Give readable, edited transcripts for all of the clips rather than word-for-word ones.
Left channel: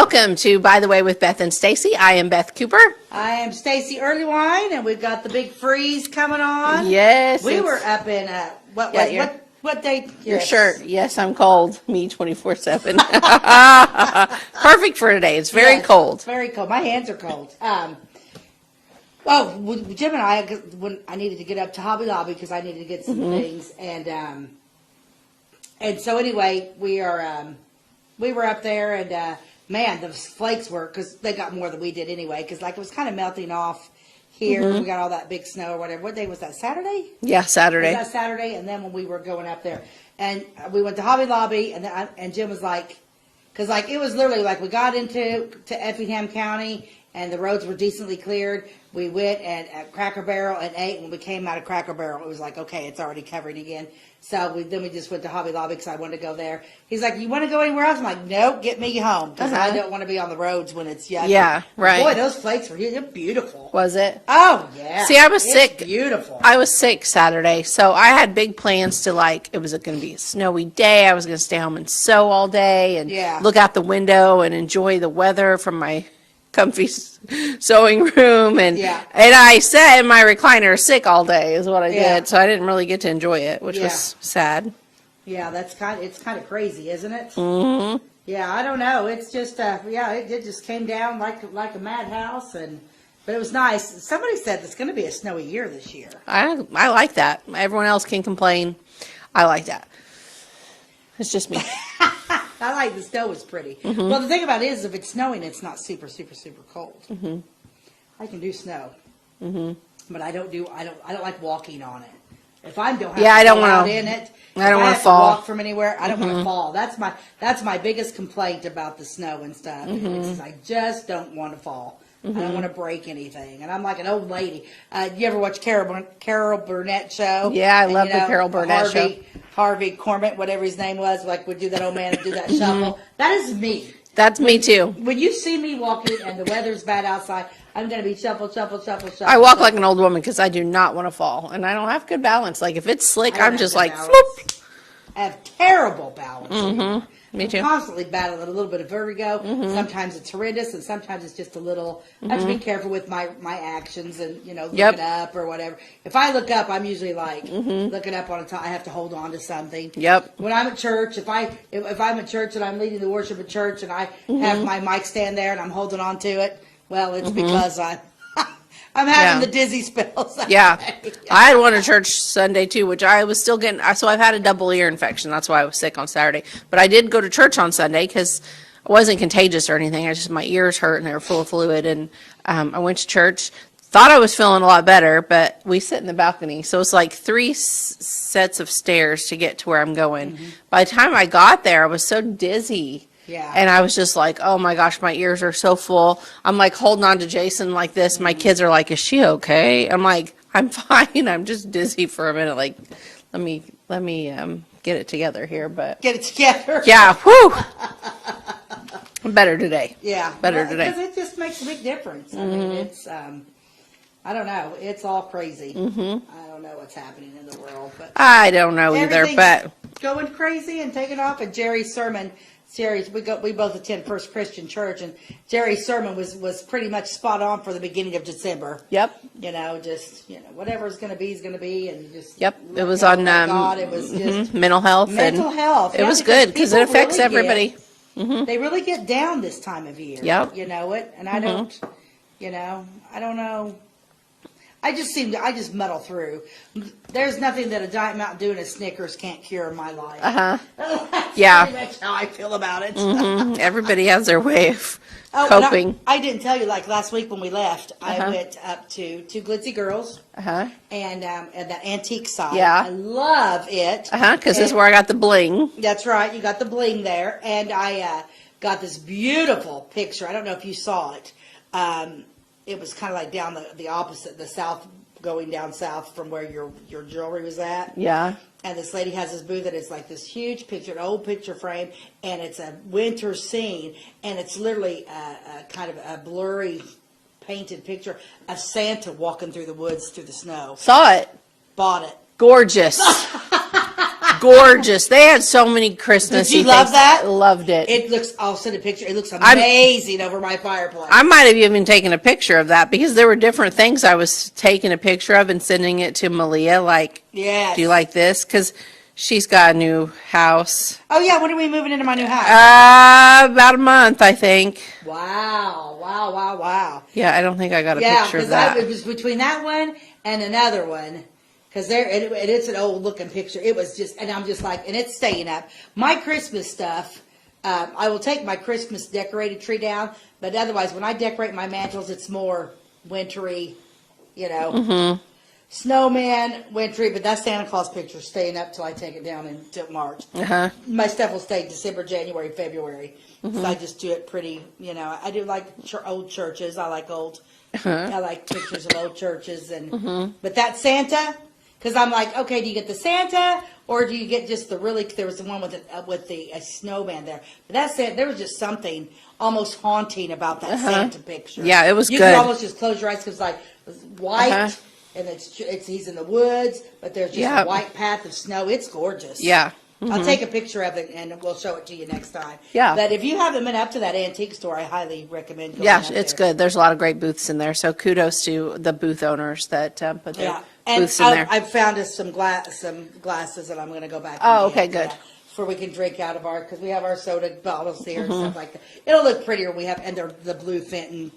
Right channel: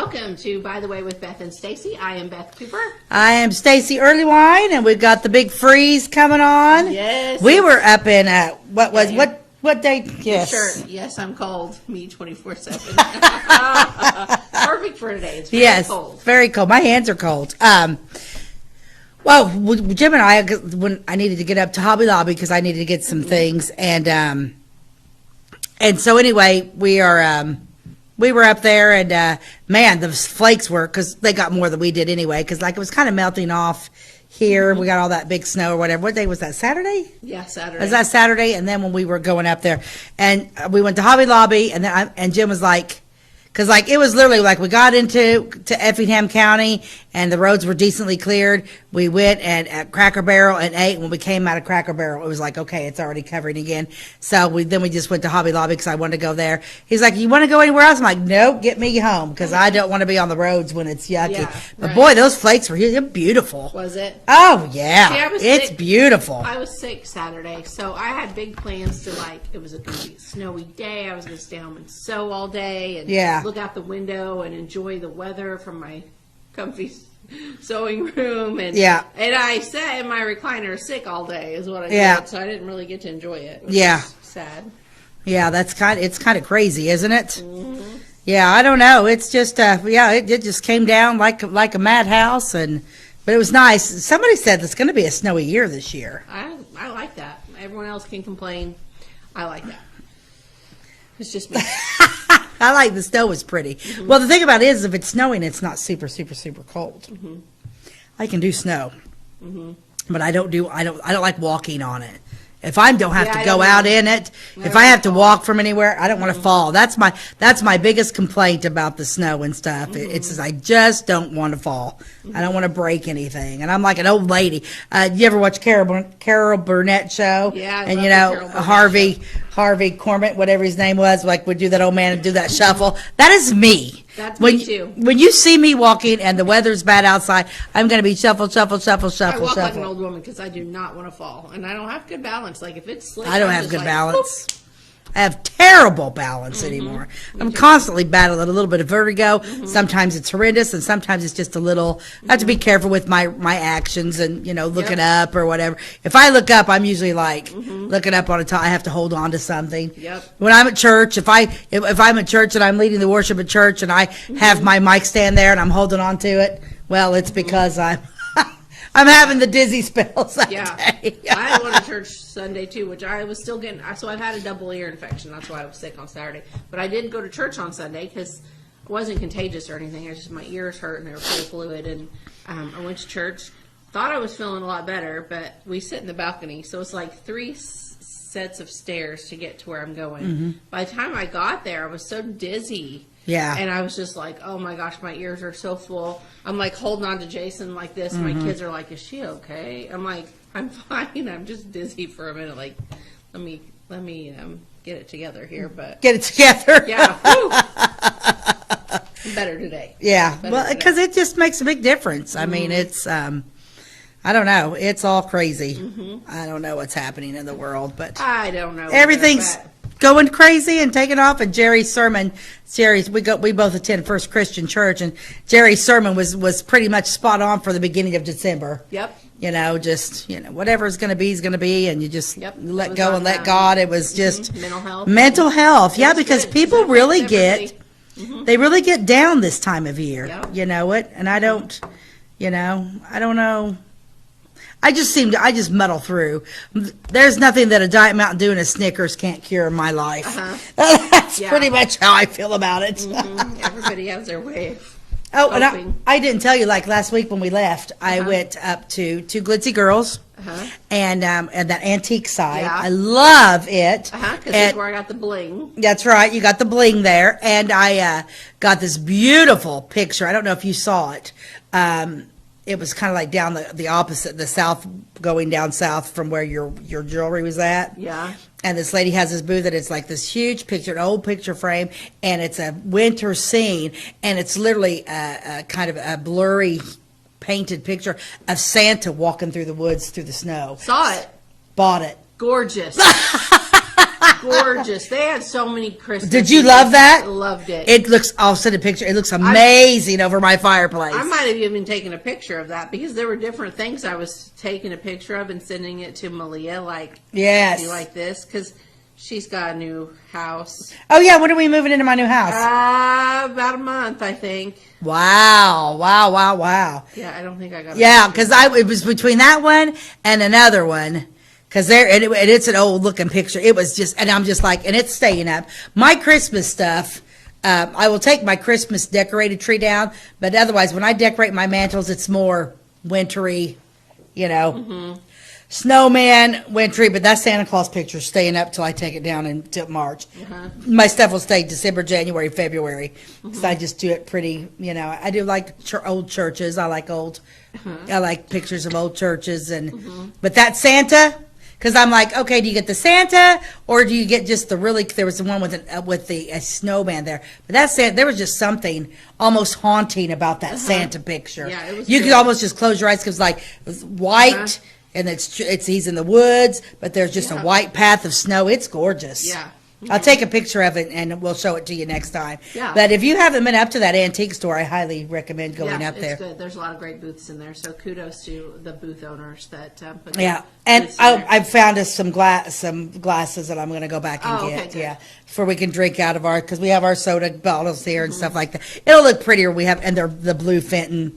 Welcome to By the Way with Beth and Stacey. I am Beth Cooper. I am Stacey Earlywine, and we've got the big freeze coming on. Yes. We were up in what day? Yes. Your shirt. Yes, I'm cold. Me 24/7. Perfect for today. It's very cold. It's very cold. My hands are cold. Well, Jim and I, when I needed to get up to Hobby Lobby because I needed to get some things, and so anyway, we were up there, and man, the flakes were, because they got more than we did anyway, because like it was kind of melting off here. We got all that big snow or whatever. What day was that? Saturday? Yeah, Saturday. Was that Saturday? And then when we were going up there, and we went to Hobby Lobby, and then and Jim was like, because like it was literally like we got to Effingham County, and the roads were decently cleared. We went at Cracker Barrel and ate. When we came out of Cracker Barrel, it was like, okay, it's already covering again. So we just went to Hobby Lobby because I wanted to go there. He's like, you want to go anywhere else? I'm like, nope, get me home, because I don't want to be on the roads when it's yucky. Yeah, right. But boy, those flakes were beautiful. Was it? Oh yeah. See, I was sick. It's beautiful. I was sick Saturday, so I had big plans to it was going to be a snowy day. I was going to stay home and sew all day and look out the window and enjoy the weather from my comfy sewing room, and I sat in my recliner sick all day is what I did, so I didn't really get to enjoy it, which is sad. Yeah, it's kind of crazy, isn't it? Mm-hmm. Yeah, I don't know. It's just it just came down like a madhouse, but it was nice. Somebody said it's going to be a snowy year this year. I like that. Everyone else can complain. I like that. It's just me. I like the snow was pretty. Well, the thing about it is, if it's snowing, it's not super, super, super cold. I can do snow, but I don't like walking on it. If I don't have to go out in it, if I have to walk from anywhere, I don't want to fall. That's my biggest complaint about the snow and stuff. It's I just don't want to fall. I don't want to break anything. And I'm like an old lady. You ever watch Carol Burnett show? Yeah, I love the Carol Burnett show. Harvey Korman, whatever his name was, like would do that old man and do that shuffle. That is me. That's me too. When you see me walking and the weather's bad outside, I'm going to be shuffle, shuffle, shuffle, shuffle. I walk shuffle. like an old woman because I do not want to fall, and I don't have good balance. Like if it's slick, I'm just like, balance. Whoop. I have terrible balance anymore. I'm constantly battling a little bit of vertigo. Sometimes it's horrendous, and sometimes it's just a little. I have to be careful with my actions and looking up or whatever. If I look up, I'm usually like looking up on a top. I have to hold on to something. Yep. When I'm at church, if I'm at church and I'm leading the worship at church and I have my mic stand there and I'm holding on to it, well, it's because I'm having the dizzy spells. I had one at church Sunday too, which I was still getting. So I've had a double ear infection. That's why I was sick on Saturday. But I did go to church on Sunday because it wasn't contagious or anything. My ears hurt and they were full of fluid. And I went to church. Thought I was feeling a lot better, but we sit in the balcony, so it's like 3 sets of stairs to get to where I'm going. By the time I got there, I was so dizzy. Yeah. And I was just like, oh my gosh, my ears are so full. I'm like holding on to Jason like this. My kids are like, is she okay? I'm like, I'm fine. I'm just dizzy for a minute. Like, let me get it together here. But get it together. Yeah. Whew. Better today. Yeah. Because it just makes a big difference. I mean, it's, I don't know. It's all crazy. I don't know what's happening in the world, but I don't know everything's either, going crazy and taking off. And Jerry's sermon, we both attend First Christian Church, and Jerry's sermon was pretty much spot on for the beginning of December. Yep. Whatever is going to be is going to be, and you just let go and let God. It was just mental health. Yeah, because people really everybody. They really get down this time of year. Yep. You know it, and I don't. I don't know. I just muddle through. There's nothing that a Diet Mountain Dew and a Snickers can't cure in my life. That's pretty much how I feel about it. Everybody has their way of coping. I didn't tell you, like last week when we left, I went up to Two Glitzy Girls and that antique side. Yeah. I love it. Because this is where I got the bling. That's right. You got the bling there. And I got this beautiful picture. I don't know if you saw it. It was kind of like down the opposite, the south, going down south from where your jewelry was at. Yeah. And this lady has this booth that it's like this huge picture, an old picture frame, and it's a winter scene, and it's literally a kind of a blurry painted picture of Santa walking through the woods through the snow. Saw it. Bought it. Gorgeous. gorgeous. They had so many Christmas. Did you love that? Loved it. It looks, I'll send a picture. It looks amazing over my fireplace. I might have even taken a picture of that because there were different things I was taking a picture of and sending it to Malia. Like, Yes. do you like this? Because she's got a new house. Oh, yeah. When are we moving into my new house? About a month, I think. Wow. Wow, wow, wow. Yeah, I don't think I got a Yeah, picture of because that. it was between that one and another one. Because and it's an old looking picture. It was just, and I'm just like, and it's staying up. My Christmas stuff, I will take my Christmas decorated tree down, but otherwise, when I decorate my mantles, it's more wintry, snowman, wintry. But that Santa Claus picture staying up till I take it down until March. My stuff will stay December, January, February. So I just do it pretty, I do like old churches. I like I like pictures of old churches but that Santa. Because I'm like, okay, do you get the Santa or do you get just there was the one with the snowman there. But there was just something almost haunting about that Santa picture. Yeah, it was You good. could almost just close your eyes because it was white and he's in the woods, but there's just a white path of snow. It's gorgeous. Yeah. I'll take a picture of it and we'll show it to you next time. Yeah. But if you haven't been up to that antique store, I highly recommend going up there. It's good. There's a lot of great booths in there. So kudos to the booth owners that put their And booths in there. I found us some glasses that I'm going to go back and Oh, get. okay, good. Yeah, before we can drink out of because we have our soda bottles here and stuff like that. It'll look prettier. And they're the blue Fenton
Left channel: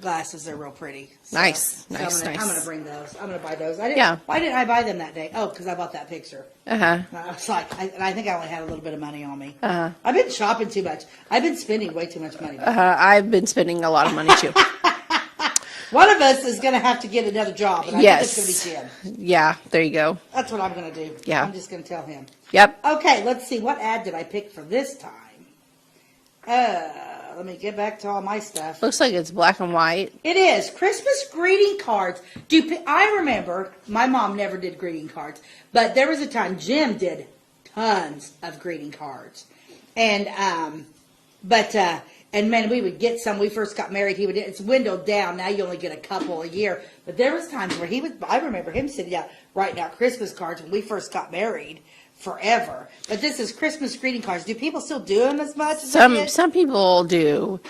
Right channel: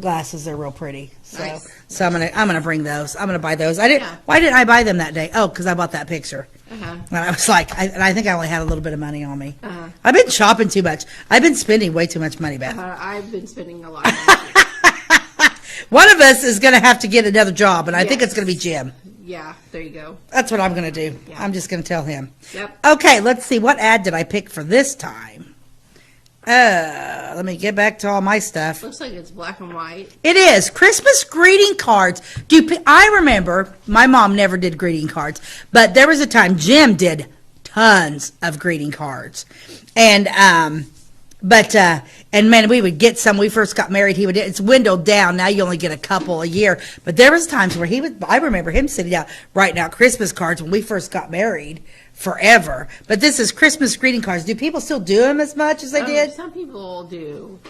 glasses. They're real pretty. So, Nice. So I'm Nice. gonna bring those. I'm gonna buy those. I didn't. Yeah. Why didn't I buy them that day? Oh, because I bought that picture. Uh-huh. And I was like, I think I only had a little bit of money on me. I've been shopping too much. I've been spending way too much money back. I've been spending a lot of money too. One of us is going to have to get another job, and I think it's Yes. going to be Jim. Yeah, there you go. That's what I'm going to do. Yeah. I'm just going to tell him. Yep. Okay, let's see. What ad did I pick for this time? Let me get back to all my stuff. Looks like it's black and white. It is Christmas greeting cards. I remember my mom never did greeting cards, but there was a time Jim did tons of greeting cards, and man, we would get some. When we first got married, it's windowed down. Now you only get a couple a year, but there was times where I remember him sitting down writing out Christmas cards when we first got married. Forever. But this is Christmas greeting cards. Do people still do them as much as they did? Some people do.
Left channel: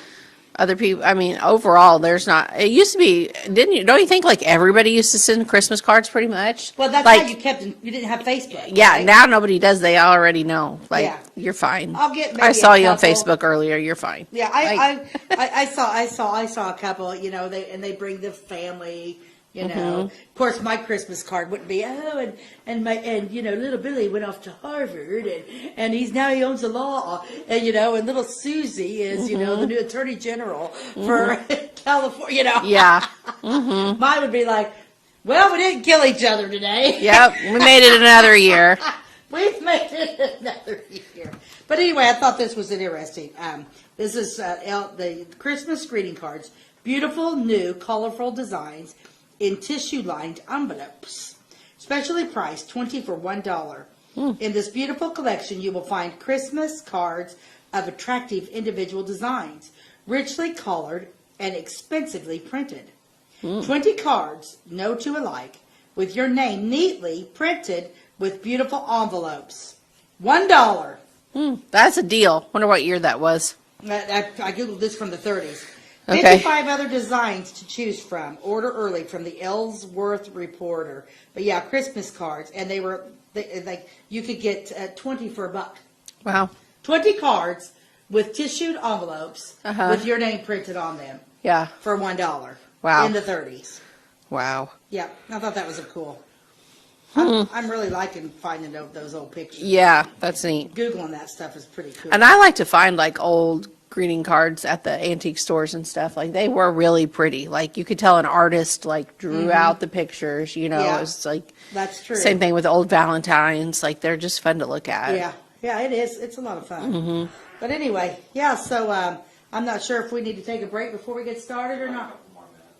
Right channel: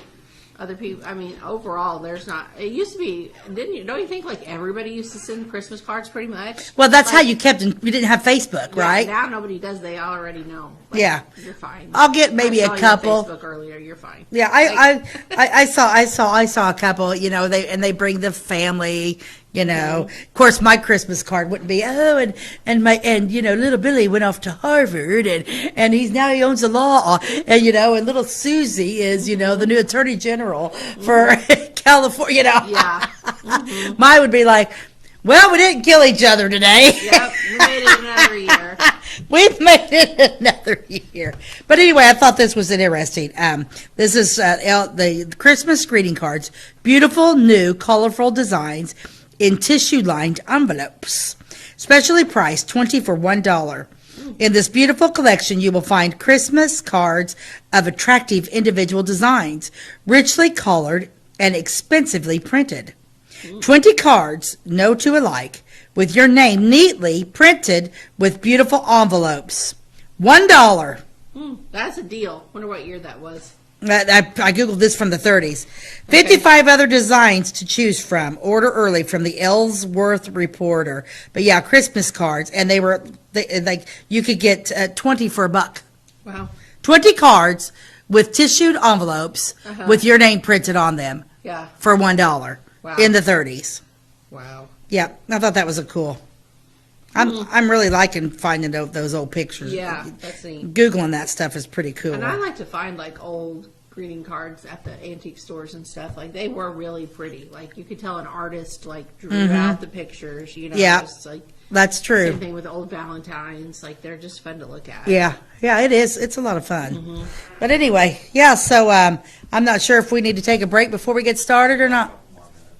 Other people, I mean, overall, there's not. It used to be, don't you think like everybody used to send Christmas cards pretty much? Well, that's like, how you kept them. You didn't have Facebook, Yeah, right? now nobody does. They already know. Like, Yeah. You're fine. I'll get maybe I saw a you on couple. Facebook earlier. You're fine. Yeah, I saw a couple. They bring the family. Of course, my Christmas card wouldn't be and little Billy went off to Harvard and he owns a law and little Susie is the new Attorney General for California. Yeah. Mine would be like, well, we didn't kill each other today. Yep. We made it another year. We've made it another year. But anyway, I thought this was interesting. This is the Christmas greeting cards. Beautiful, new, colorful designs in tissue-lined envelopes. Specially priced, $20 for $1. In this beautiful collection, you will find Christmas cards of attractive individual designs, richly colored and expensively printed. 20 cards, no two alike, with your name neatly printed with beautiful envelopes. $1. That's a deal. Wonder what year that was. I Googled this from the 30s. Okay. 55 other designs to choose from. Order early from the Ellsworth Reporter. But yeah, Christmas cards. And you could get 20 for $1. Wow. 20 cards with tissued envelopes with your name printed on them. Yeah. For $1. Wow. In the 30s. Wow. Yeah, I thought that was cool. I'm really liking finding those old pictures. Yeah, that's neat. Googling that stuff is pretty cool. And I like to find like old greeting cards at the antique stores and stuff. Like they were really pretty. Like you could tell an artist like drew out the pictures, Yeah. It's like That's true. same thing with old Valentines. Like they're just fun to look at. Yeah, it is. It's a lot of fun. But anyway, yeah, so I'm not sure if we need to take a break before we get started or not.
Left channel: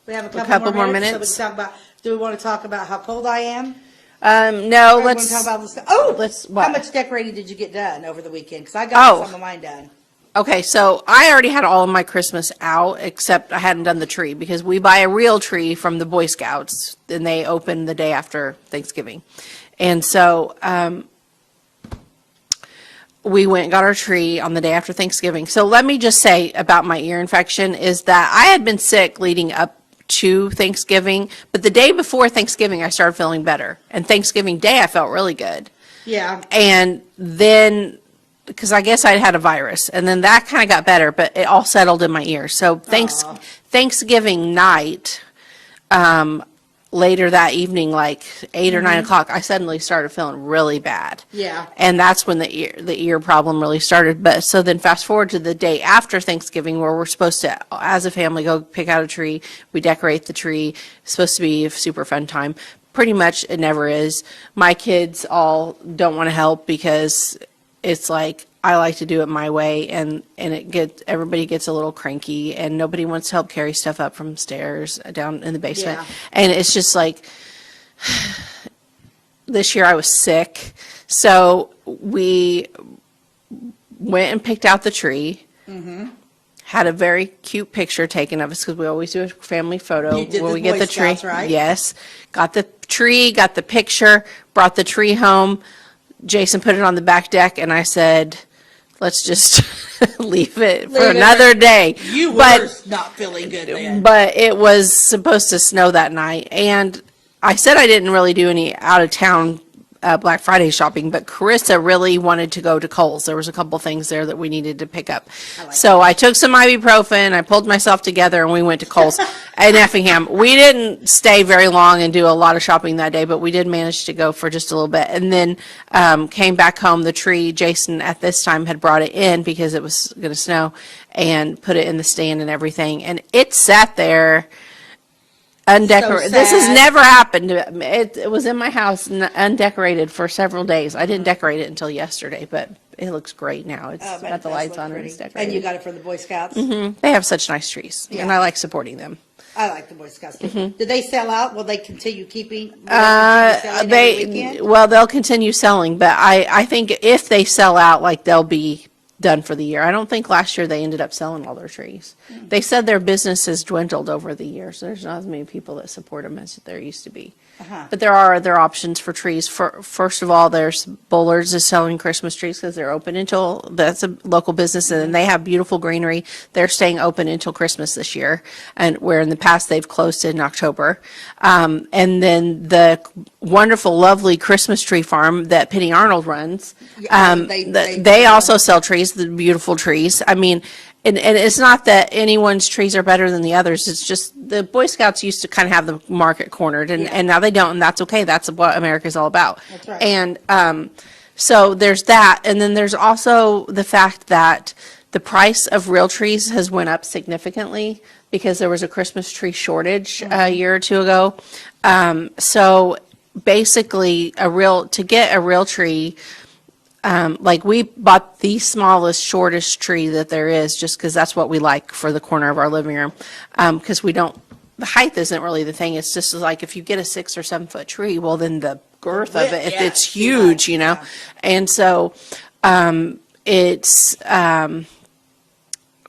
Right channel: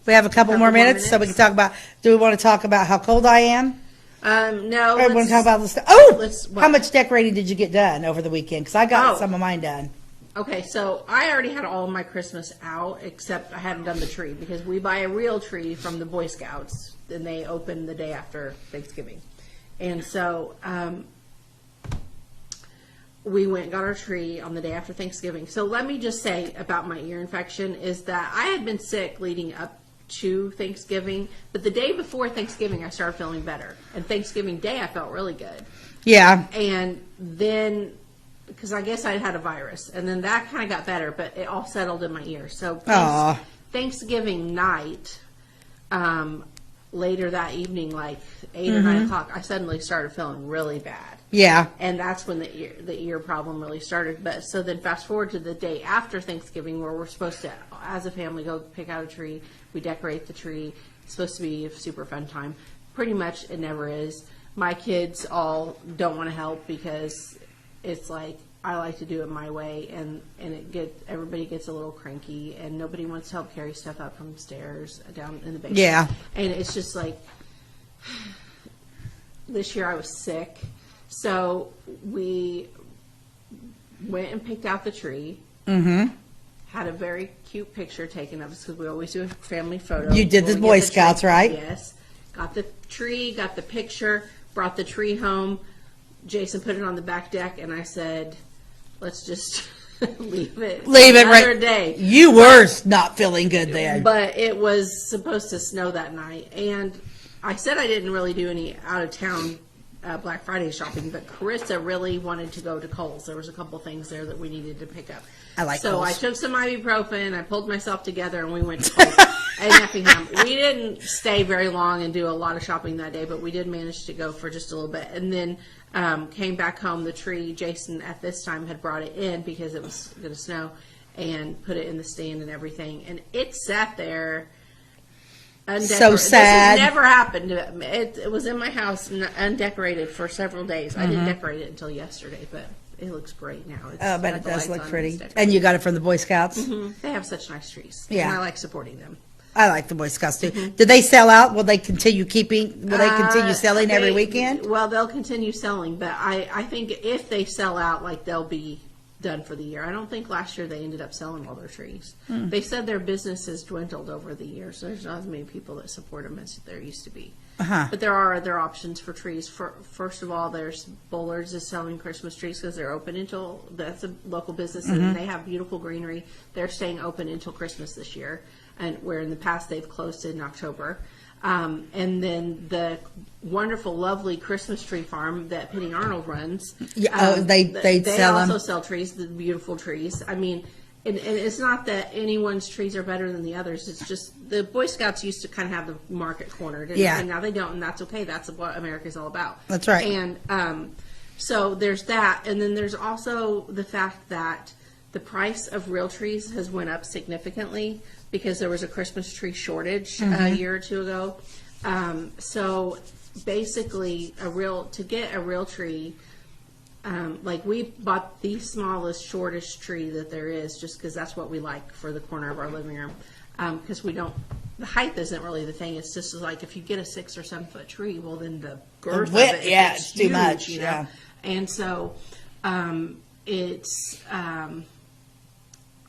We have a couple more minutes, so we can talk about, do we want to talk about how cold I am? No, Or we want let's to talk about this? Oh, what? how much decorating did you get done over the weekend? Because I got some of mine done. Okay, so I already had all of my Christmas out, except I hadn't done the tree because we buy a real tree from the Boy Scouts, and they open the day after Thanksgiving. And so we went and got our tree on the day after Thanksgiving. So let me just say about my ear infection is that I had been sick leading up to Thanksgiving, but the day before Thanksgiving, I started feeling better. And Thanksgiving Day, I felt really good. Yeah. And then, because I guess I'd had a virus, and then that kind of got better, but it all settled in my ear. So Thanksgiving night, later that evening, like 8 or 9 o'clock, I suddenly started feeling really bad. Yeah. And that's when the ear problem really started. But so then fast forward to the day after Thanksgiving, where we're supposed to, as a family, go pick out a tree. We decorate the tree. It's supposed to be a super fun time. Pretty much it never is. My kids all don't want to help because it's like, I like to do it my way, and everybody gets a little cranky, and nobody wants to help carry stuff up from stairs down in the basement. Yeah. And it's just like, this year I was sick, so we went and picked out the tree. Mm-hmm. Had a very cute picture taken of us, because we always do a family photo. You did when the we get Boy Scouts, right? Yes. Got the tree, got the picture, brought the tree home. Jason put it on the back deck, and I said, let's just leave it for another day. You were not feeling good then. But it was supposed to snow that night. And I said I didn't really do any out-of-town Black Friday shopping, but Carissa really wanted to go to Kohl's. There was a couple things there that we needed to pick up. So I took some ibuprofen, I pulled myself together, and we went to Kohl's in Effingham. We didn't stay very long and do a lot of shopping that day, but we did manage to go for just a little bit. And then came back home. The tree, Jason at this time had brought it in because it was going to snow, and put it in the stand and everything. And it sat there undecorated. So this has sad. never happened. It was in my house undecorated for several days. I didn't decorate it until yesterday, but it looks great now. It's But got it the does lights look on pretty. and it's And you got it from the Boy Scouts? They have such nice trees, Yeah. and I like supporting them. I like the Boy Scouts too. Did they sell out? Will they continue selling every weekend? Well, they'll continue selling, but I think if they sell out, like, they'll be done for the year. I don't think last year they ended up selling all their trees. They said their business has dwindled over the years. There's not as many people that support them as there used to be. But there are other options for trees. First of all, there's Bullards is selling Christmas trees because they're open until, that's a local business, and they have beautiful greenery. They're staying open until Christmas this year, and where in the past they've closed in October. And then the wonderful, lovely Christmas tree farm that Penny Arnold runs, they also sell trees, the beautiful trees. I mean, and it's not that anyone's trees are better than the others. It's just the Boy Scouts used to kind of have the market cornered, and now they don't, and that's okay. That's what America's all about. That's right. And so there's that, and then there's also the fact that the price of real trees has went up significantly because there was a Christmas tree shortage a year or two ago. So basically, to get a real tree, like we bought the smallest, shortest tree that there is, just because that's what we like for the corner of our living room. Because the height isn't really the thing. It's just like if you get a 6 or 7 foot tree, well, then the girth of it, if it's huge, Yeah. And so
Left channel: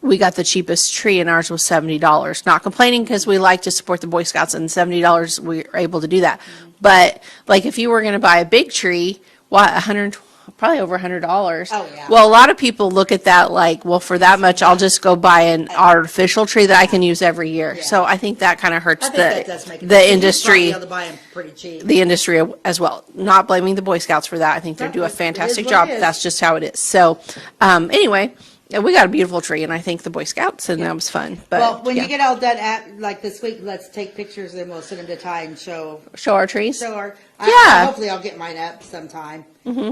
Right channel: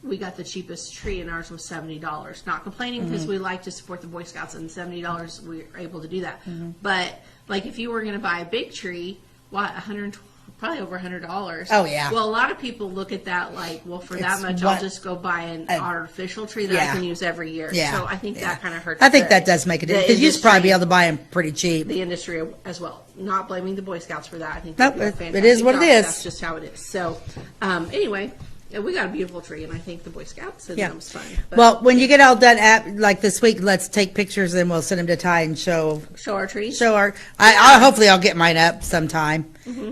we got the cheapest tree, and ours was $70. Not complaining, because we like to support the Boy Scouts, and $70 we were able to do that. But like if you were going to buy a big tree, probably over $100. Oh, yeah. Well, a lot of people look at that like, well, for that much, I'll just go buy an artificial tree that I can use every year. Yeah. So I think that kind of hurts. I think that does make a the difference. You'd probably industry, be able to buy them pretty cheap. the industry as well. Not blaming the Boy Scouts for that. I think they Nope, do a it is fantastic what it job. is. That's just how it is. So anyway, we got a beautiful tree, and I thank the Boy Scouts, and that was fun. But, Well, when you get all done like this week, let's take pictures and we'll send them to Ty and show show our trees. our. Yeah. Hopefully, I'll get mine up sometime.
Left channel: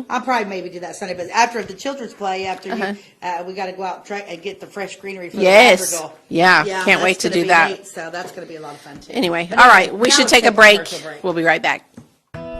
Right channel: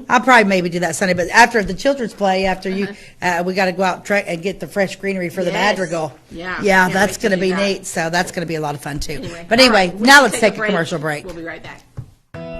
I'll probably maybe do that Sunday, but after the children's play, we got to go out and get the fresh greenery for the madrigal. Yeah, can't that's wait to gonna do be that. neat. So that's going to be a lot of fun too. Anyway, but all right, we now should let's take a commercial break. We'll be right back.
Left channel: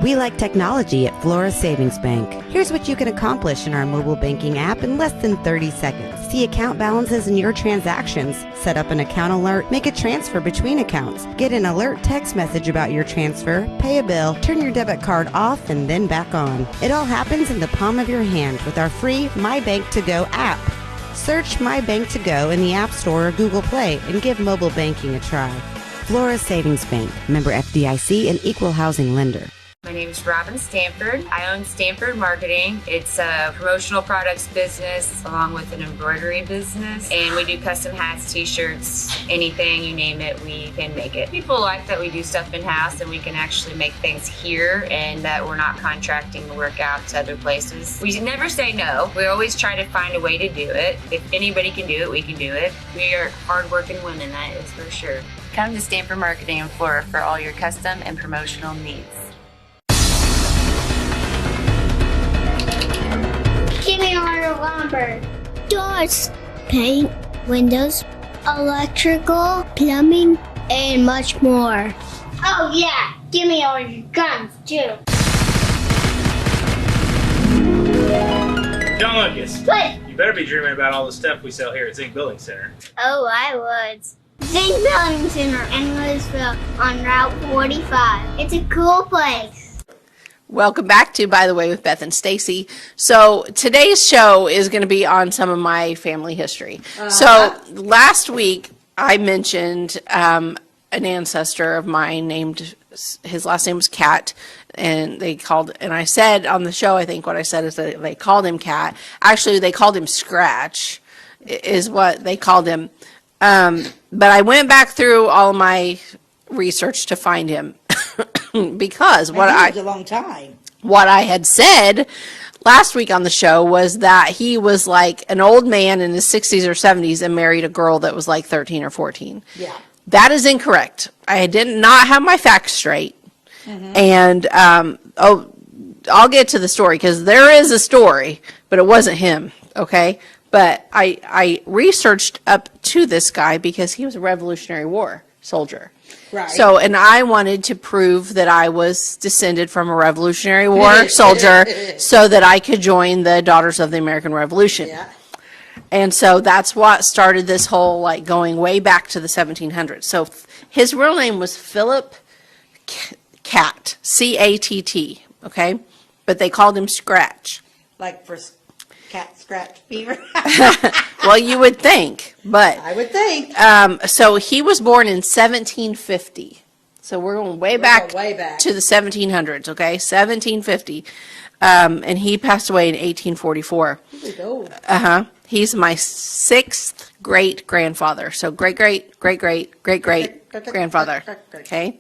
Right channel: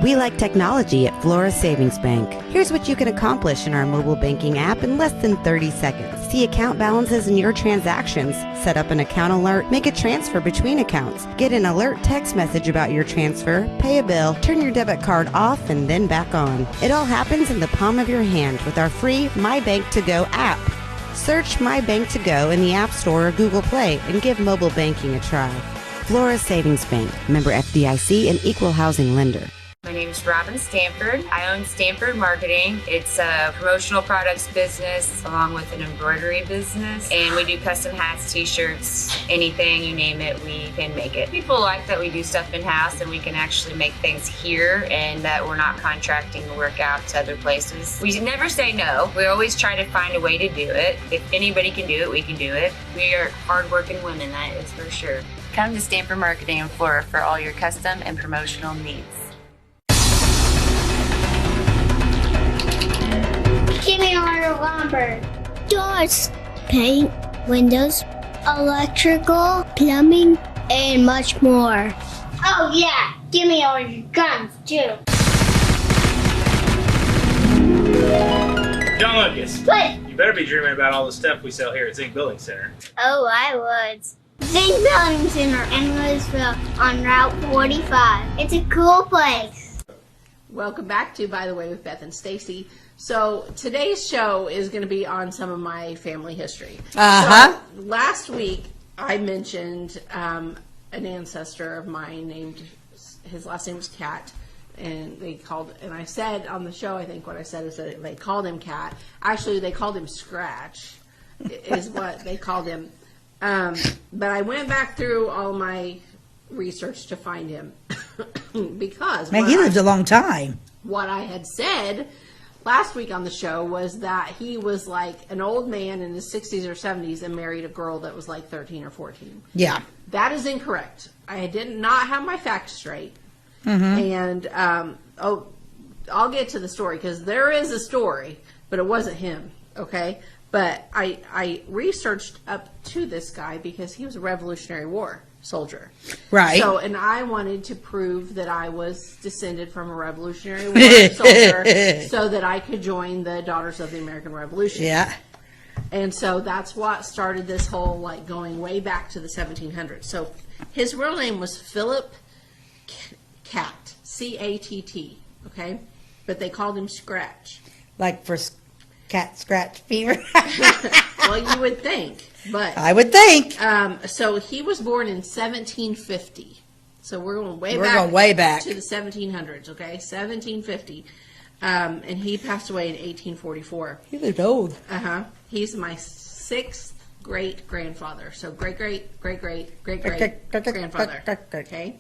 We like technology at Flora Savings Bank. Here's what you can accomplish in our mobile banking app in less than 30 seconds. See account balances in your transactions, set up an account alert, make a transfer between accounts, get an alert text message about your transfer, pay a bill, turn your debit card off and then back on. It all happens in the palm of your hand with our free My Bank to Go app. Search My Bank to Go in the App Store or Google Play and give mobile banking a try. Flora Savings Bank, member FDIC and equal housing lender. My name name's Robin Stanford. I own Stanford Marketing. It's a promotional products business along with an embroidery business. And we do custom hats, t-shirts, anything, you name it, we can make it. People like that we do stuff in-house and we can actually make things here and that we're not contracting the work out to other places. We never say no. We always try to find a way to do it. If anybody can do it, we can do it. We are hardworking women, that is for sure. Come to Stanford Marketing in Flora for all your custom and promotional needs. Give me order lumber. Doors, paint, windows, electrical, plumbing, and much more. Oh yeah, give me all your guns too. John Lucas, What? you better be dreaming about all the stuff we sell here at Zink Building Center. Oh, I would. Zink Building Center in Louisville on Route 45. It's a cool place. Welcome back to By the Way with Beth and Stacey. So today's show is going to be on some of my family history. So last week I mentioned an ancestor of mine named, his last name was Catt, and I said on the show, I think what I said is that they called him Catt. Actually, they called him Scratch, is what they called him. But I went back through all my research to find him because Man, he lived a long time. what I had said last week on the show was that he was like an old man in his 60s or 70s and married a girl that was like 13 or 14. Yeah. That is incorrect. I did not have my facts straight. And I'll get to the story because there is a story, but it wasn't him, okay? But I researched up to this guy because he was a Revolutionary War soldier. Right. So, and I wanted to prove that I was descended from a Revolutionary War soldier so that I could join the Daughters of the American Revolution. Yeah. And so that's what started this whole, like, going way back to the 1700s. So his real name was Philip Catt, C-A-T-T, okay? But they called him Scratch. Like for cat scratch fever. Well, you would think, but I would think. so he was born in 1750. So we're going way back to the 1700s, okay? 1750. And he passed away in 1844. He was old. He's my sixth great-grandfather. So great-great-great-great-great-great-grandfather, okay?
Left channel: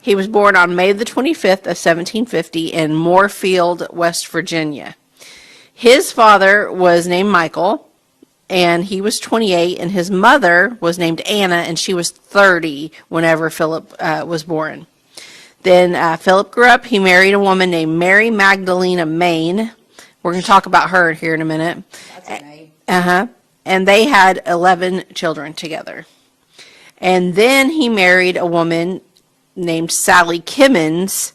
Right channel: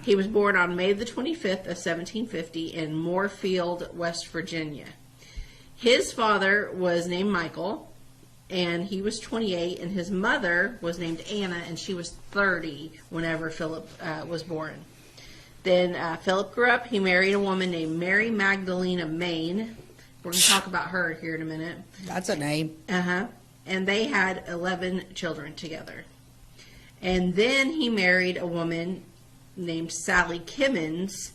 He was born on May the 25th of 1750 in Moorefield, West Virginia. His father was named Michael, and he was 28, and his mother was named Anna, and she was 30 whenever Philip was born. Then Philip grew up. He married a woman named Mary Magdalena Main. We're going to talk about her here in a minute. That's a name. And they had 11 children together. And then he married a woman named Sally Kimmons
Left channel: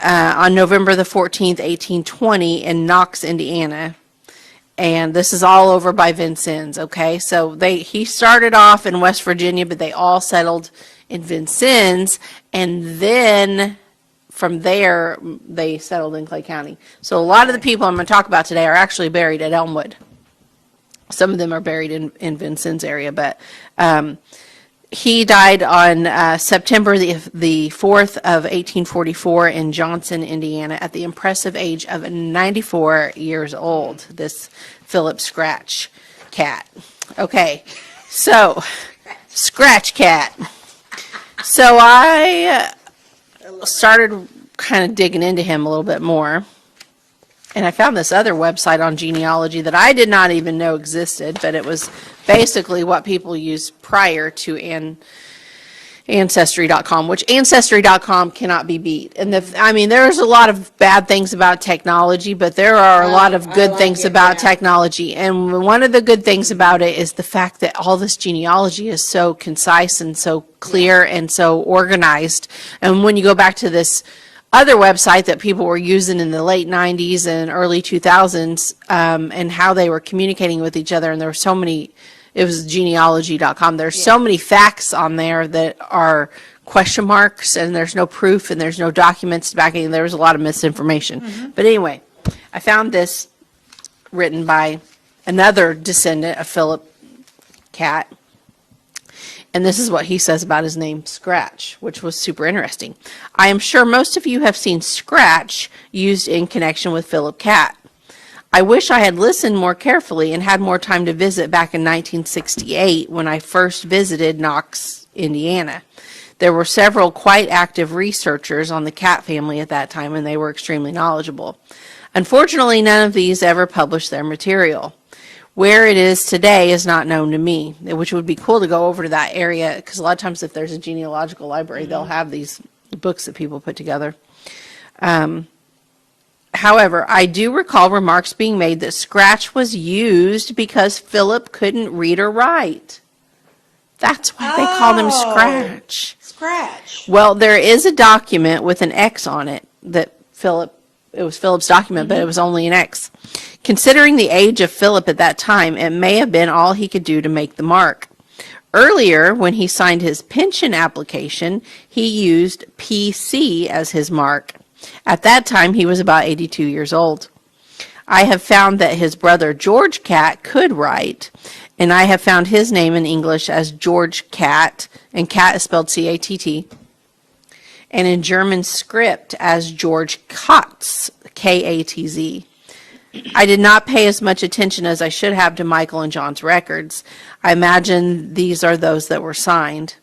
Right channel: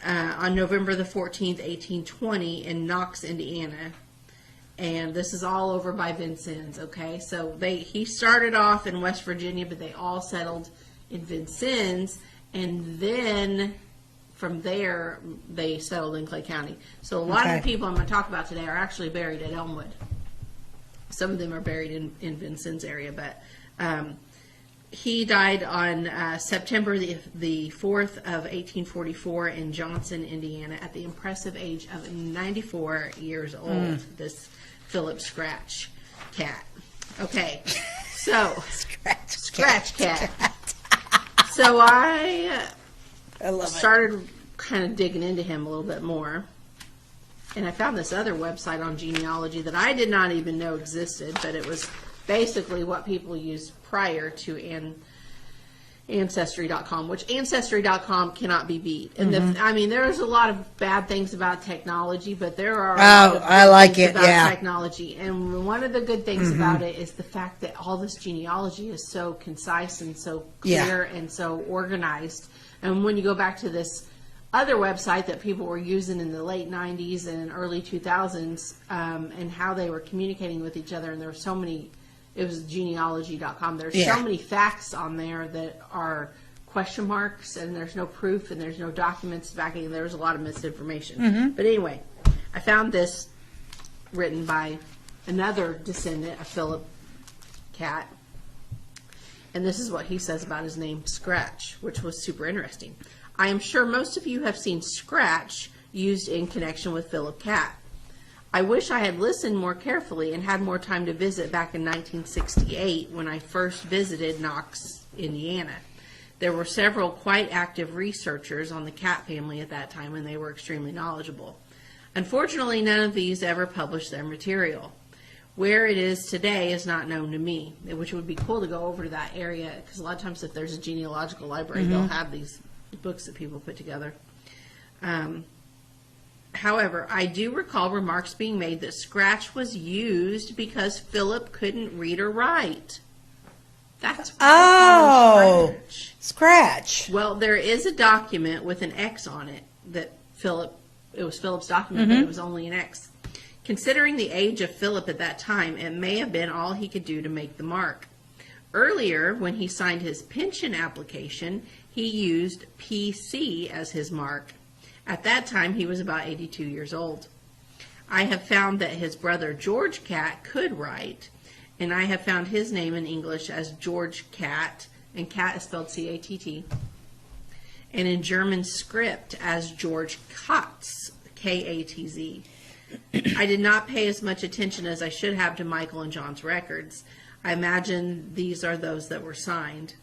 on November the 14th, 1820 in Knox, Indiana. And this is all over by Vincennes, okay? So he started off in West Virginia, but they all settled in Vincennes, and then from there they settled in Clay County. So a lot of the people I'm going to talk about today are actually buried at Elmwood. Some of them are buried in Vincennes area, but he died on September the 4th of 1844 in Johnson, Indiana, at the impressive age of 94 years old, this Philip Scratch Catt. Okay, so, Scratch Catt. So I started kind of digging into him a little bit more, and I found this other website on genealogy that I did not even know existed, but it was basically what people used prior to Ancestry.com, which Ancestry.com cannot be beat. And I mean, there's a lot of bad things about technology, but there are a lot of good things about technology. And one of the good things about it is the fact that all this genealogy is so concise and so clear and so organized. And when you go back to this other website that people were using in the late 90s and early 2000s, and how they were communicating with each other, and there were so many. It was genealogy.com. There's so many facts on there that are question marks, and there's no proof, and there's no documents backing it. There was a lot of misinformation. But anyway, I found this written by another descendant of Philip Catt. And this is what he says about his name, Scratch, which was super interesting. I am sure most of you have seen Scratch used in connection with Philip Catt. I wish I had listened more carefully and had more time to visit back in 1968 when I first visited Knox, Indiana. There were several quite active researchers on the Catt family at that time, and they were extremely knowledgeable. Unfortunately, none of these ever published their material. Where it is today is not known to me, which would be cool to go over to that area, because a lot of times if there's a genealogical library, they'll have these books that people put together. However, I do recall remarks being made that Scratch was used because Philip couldn't read or write. That's why they called him Scratch. Scratch. Well, there is a document with an X on it that it was Philip's document, but it was only an X. Considering the age of Philip at that time, it may have been all he could do to make the mark. Earlier, when he signed his pension application, he used PC as his mark. At that time, he was about 82 years old. I have found that his brother George Catt could write, and I have found his name in English as George Catt, and Catt is spelled C-A-T-T, and in German script as George Katz, K-A-T-Z. I did not pay as much attention as I should have to Michael and John's records. I imagine these are those that were signed.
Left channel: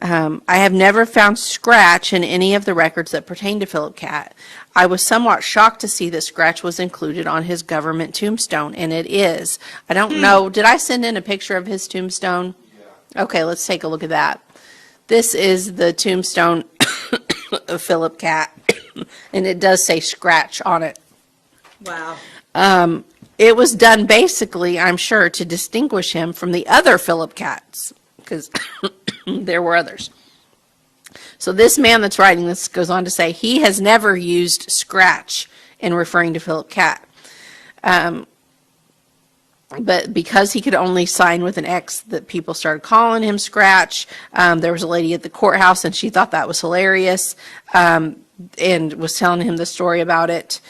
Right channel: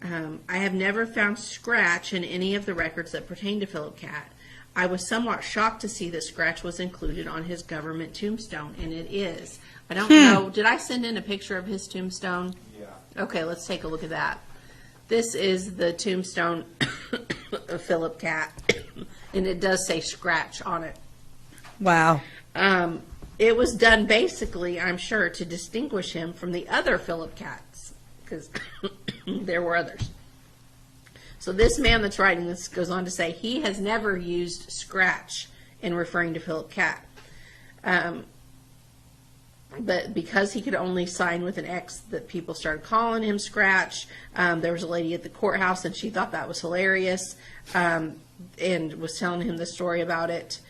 I have never found Scratch in any of the records that pertain to Philip Catt. I was somewhat shocked to see that Scratch was included on his government tombstone, and it is. I don't know. Did I send in a picture of his tombstone? Yeah. Okay, let's take a look at that. This is the tombstone of Philip Catt, and it does say Scratch on it. Wow. It was done basically, I'm sure, to distinguish him from the other Philip Catts, because there were others. So this man that's writing this goes on to say he has never used Scratch in referring to Philip Catt. But because he could only sign with an X, that people started calling him Scratch. There was a lady at the courthouse, and she thought that was hilarious, and was telling him the story about it.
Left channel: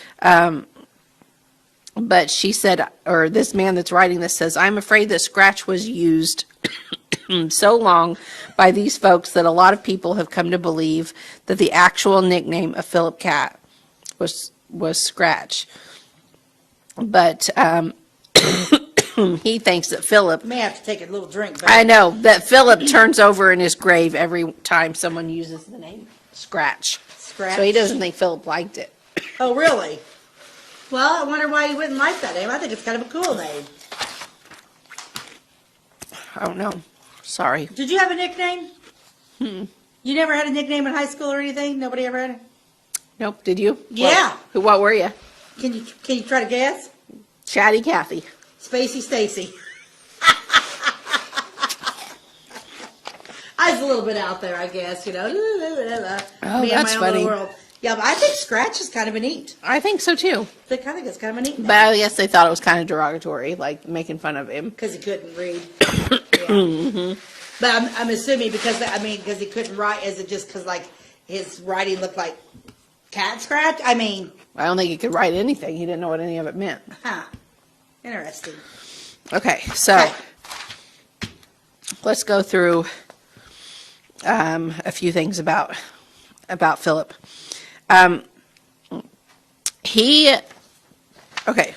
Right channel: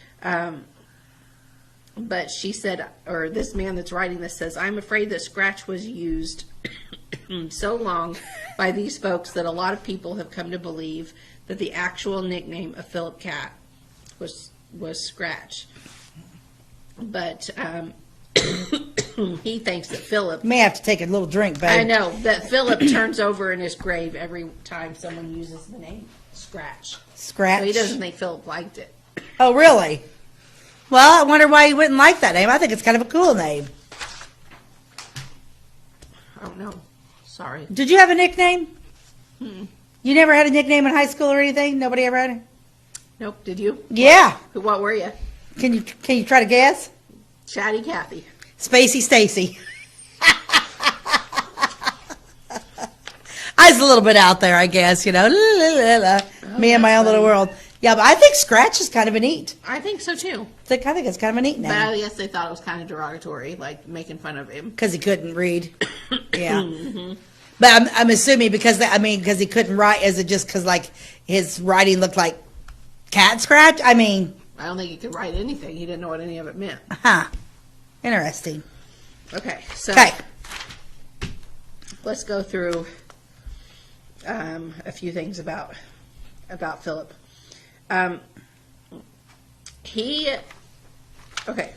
But she said, or this man that's writing this says, I'm afraid that Scratch was used so long by these folks that a lot of people have come to believe that the actual nickname of Philip Catt was Scratch. But he thinks that Philip... May have to take a little drink, babe. I know, that Philip turns over in his grave every time someone uses the name Scratch. Scratch. So he doesn't think Philip liked it. Oh, really? Well, I wonder why he wouldn't like that name. I think it's kind of a cool name. I don't know. Sorry. Did you have a nickname? You never had a nickname in high school or anything? Nobody ever had it? Nope. Did you? Yeah. What were you? Can you try to guess? Chatty Cathy. Spacey Stacey. I was a little bit out there, I guess, you know. Me and my own little world. Yeah, but I think Scratch is kind of a neat. I think so too. I think it's kind of a neat name. But I guess they thought it was kind of derogatory, like making fun of him. Because he couldn't read. Yeah. But I'm assuming because he couldn't write, is it just because like his writing looked like cat scratch? I mean. I don't think he could write anything. He didn't know what any of it meant. Huh. Interesting. Okay, so let's go through a few things about Philip.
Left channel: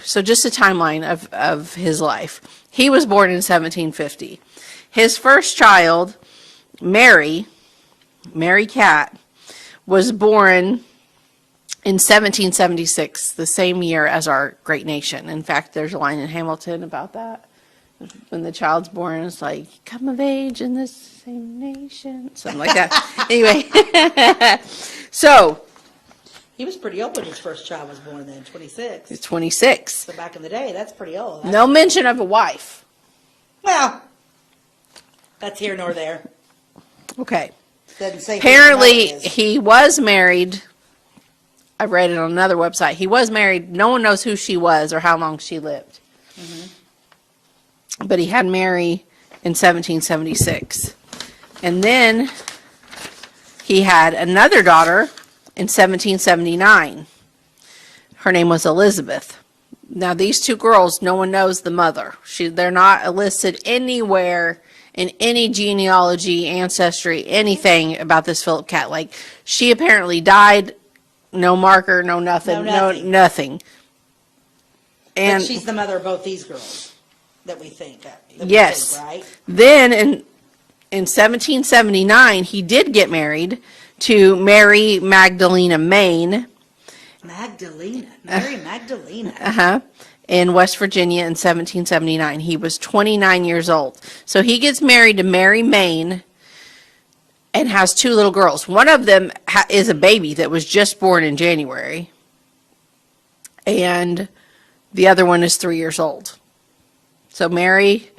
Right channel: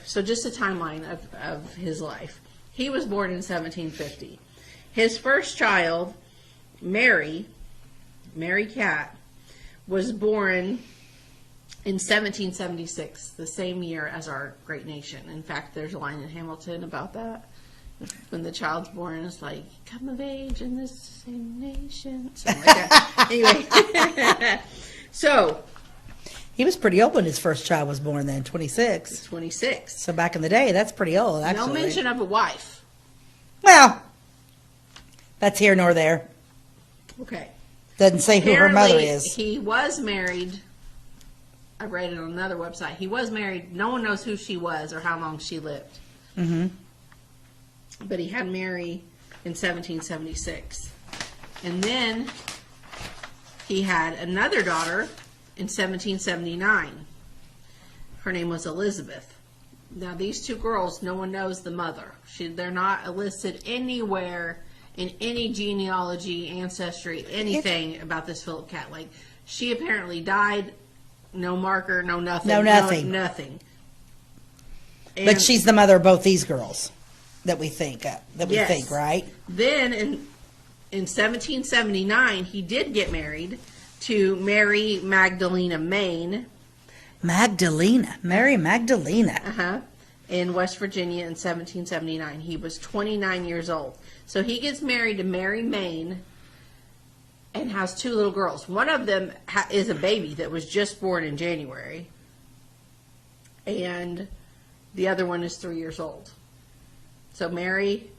So just a timeline of his life. He was born in 1750. His first child, Mary Catt, was born in 1776, the same year as our great nation. In fact, there's a line in Hamilton about that. When the child's born, it's like, come of age in this same nation. Something like that. Anyway. So. He was pretty old when his first child was born then, 26. 26. So back in the day, that's pretty old. Actually. No mention of a wife. Well, that's here nor there. Okay. Doesn't say who Apparently, her mother is. he was married. I read it on another website. He was married. No one knows who she was or how long she lived. Mm-hmm. But he had Mary in 1776. And then he had another daughter in 1779. Her name was Elizabeth. Now, these two girls, no one knows the mother. They're not listed anywhere in any genealogy, ancestry, anything about this Philip Catt. Like, she apparently died, no marker, no nothing. No nothing. Nothing. And But she's the mother of both these girls that we think, yes. Right? Then in 1779, he did get married to Mary Magdalena Maine. Mary Magdalena. Uh-huh. In West Virginia in 1779. He was 29 years old. So he gets married to Mary Maine and has 2 little girls. One of them is a baby that was just born in January. And the other one is 3 years old. So Mary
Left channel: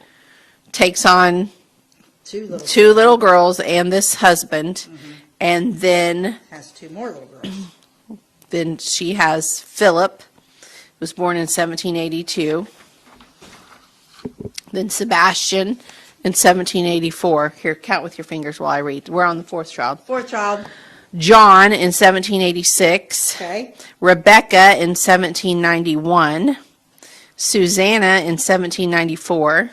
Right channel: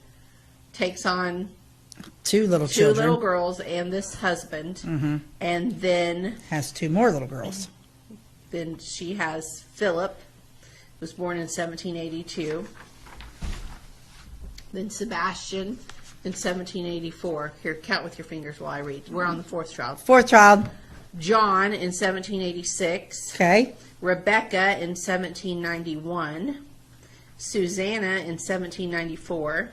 takes on 2 little two children. little girls and this husband. And then Has 2 more little girls. Then she has Philip, was born in 1782. Then Sebastian in 1784. Here, count with your fingers while I read. We're on the 4th child. 4th child. John in 1786. Okay. Rebecca in 1791. Susanna in 1794.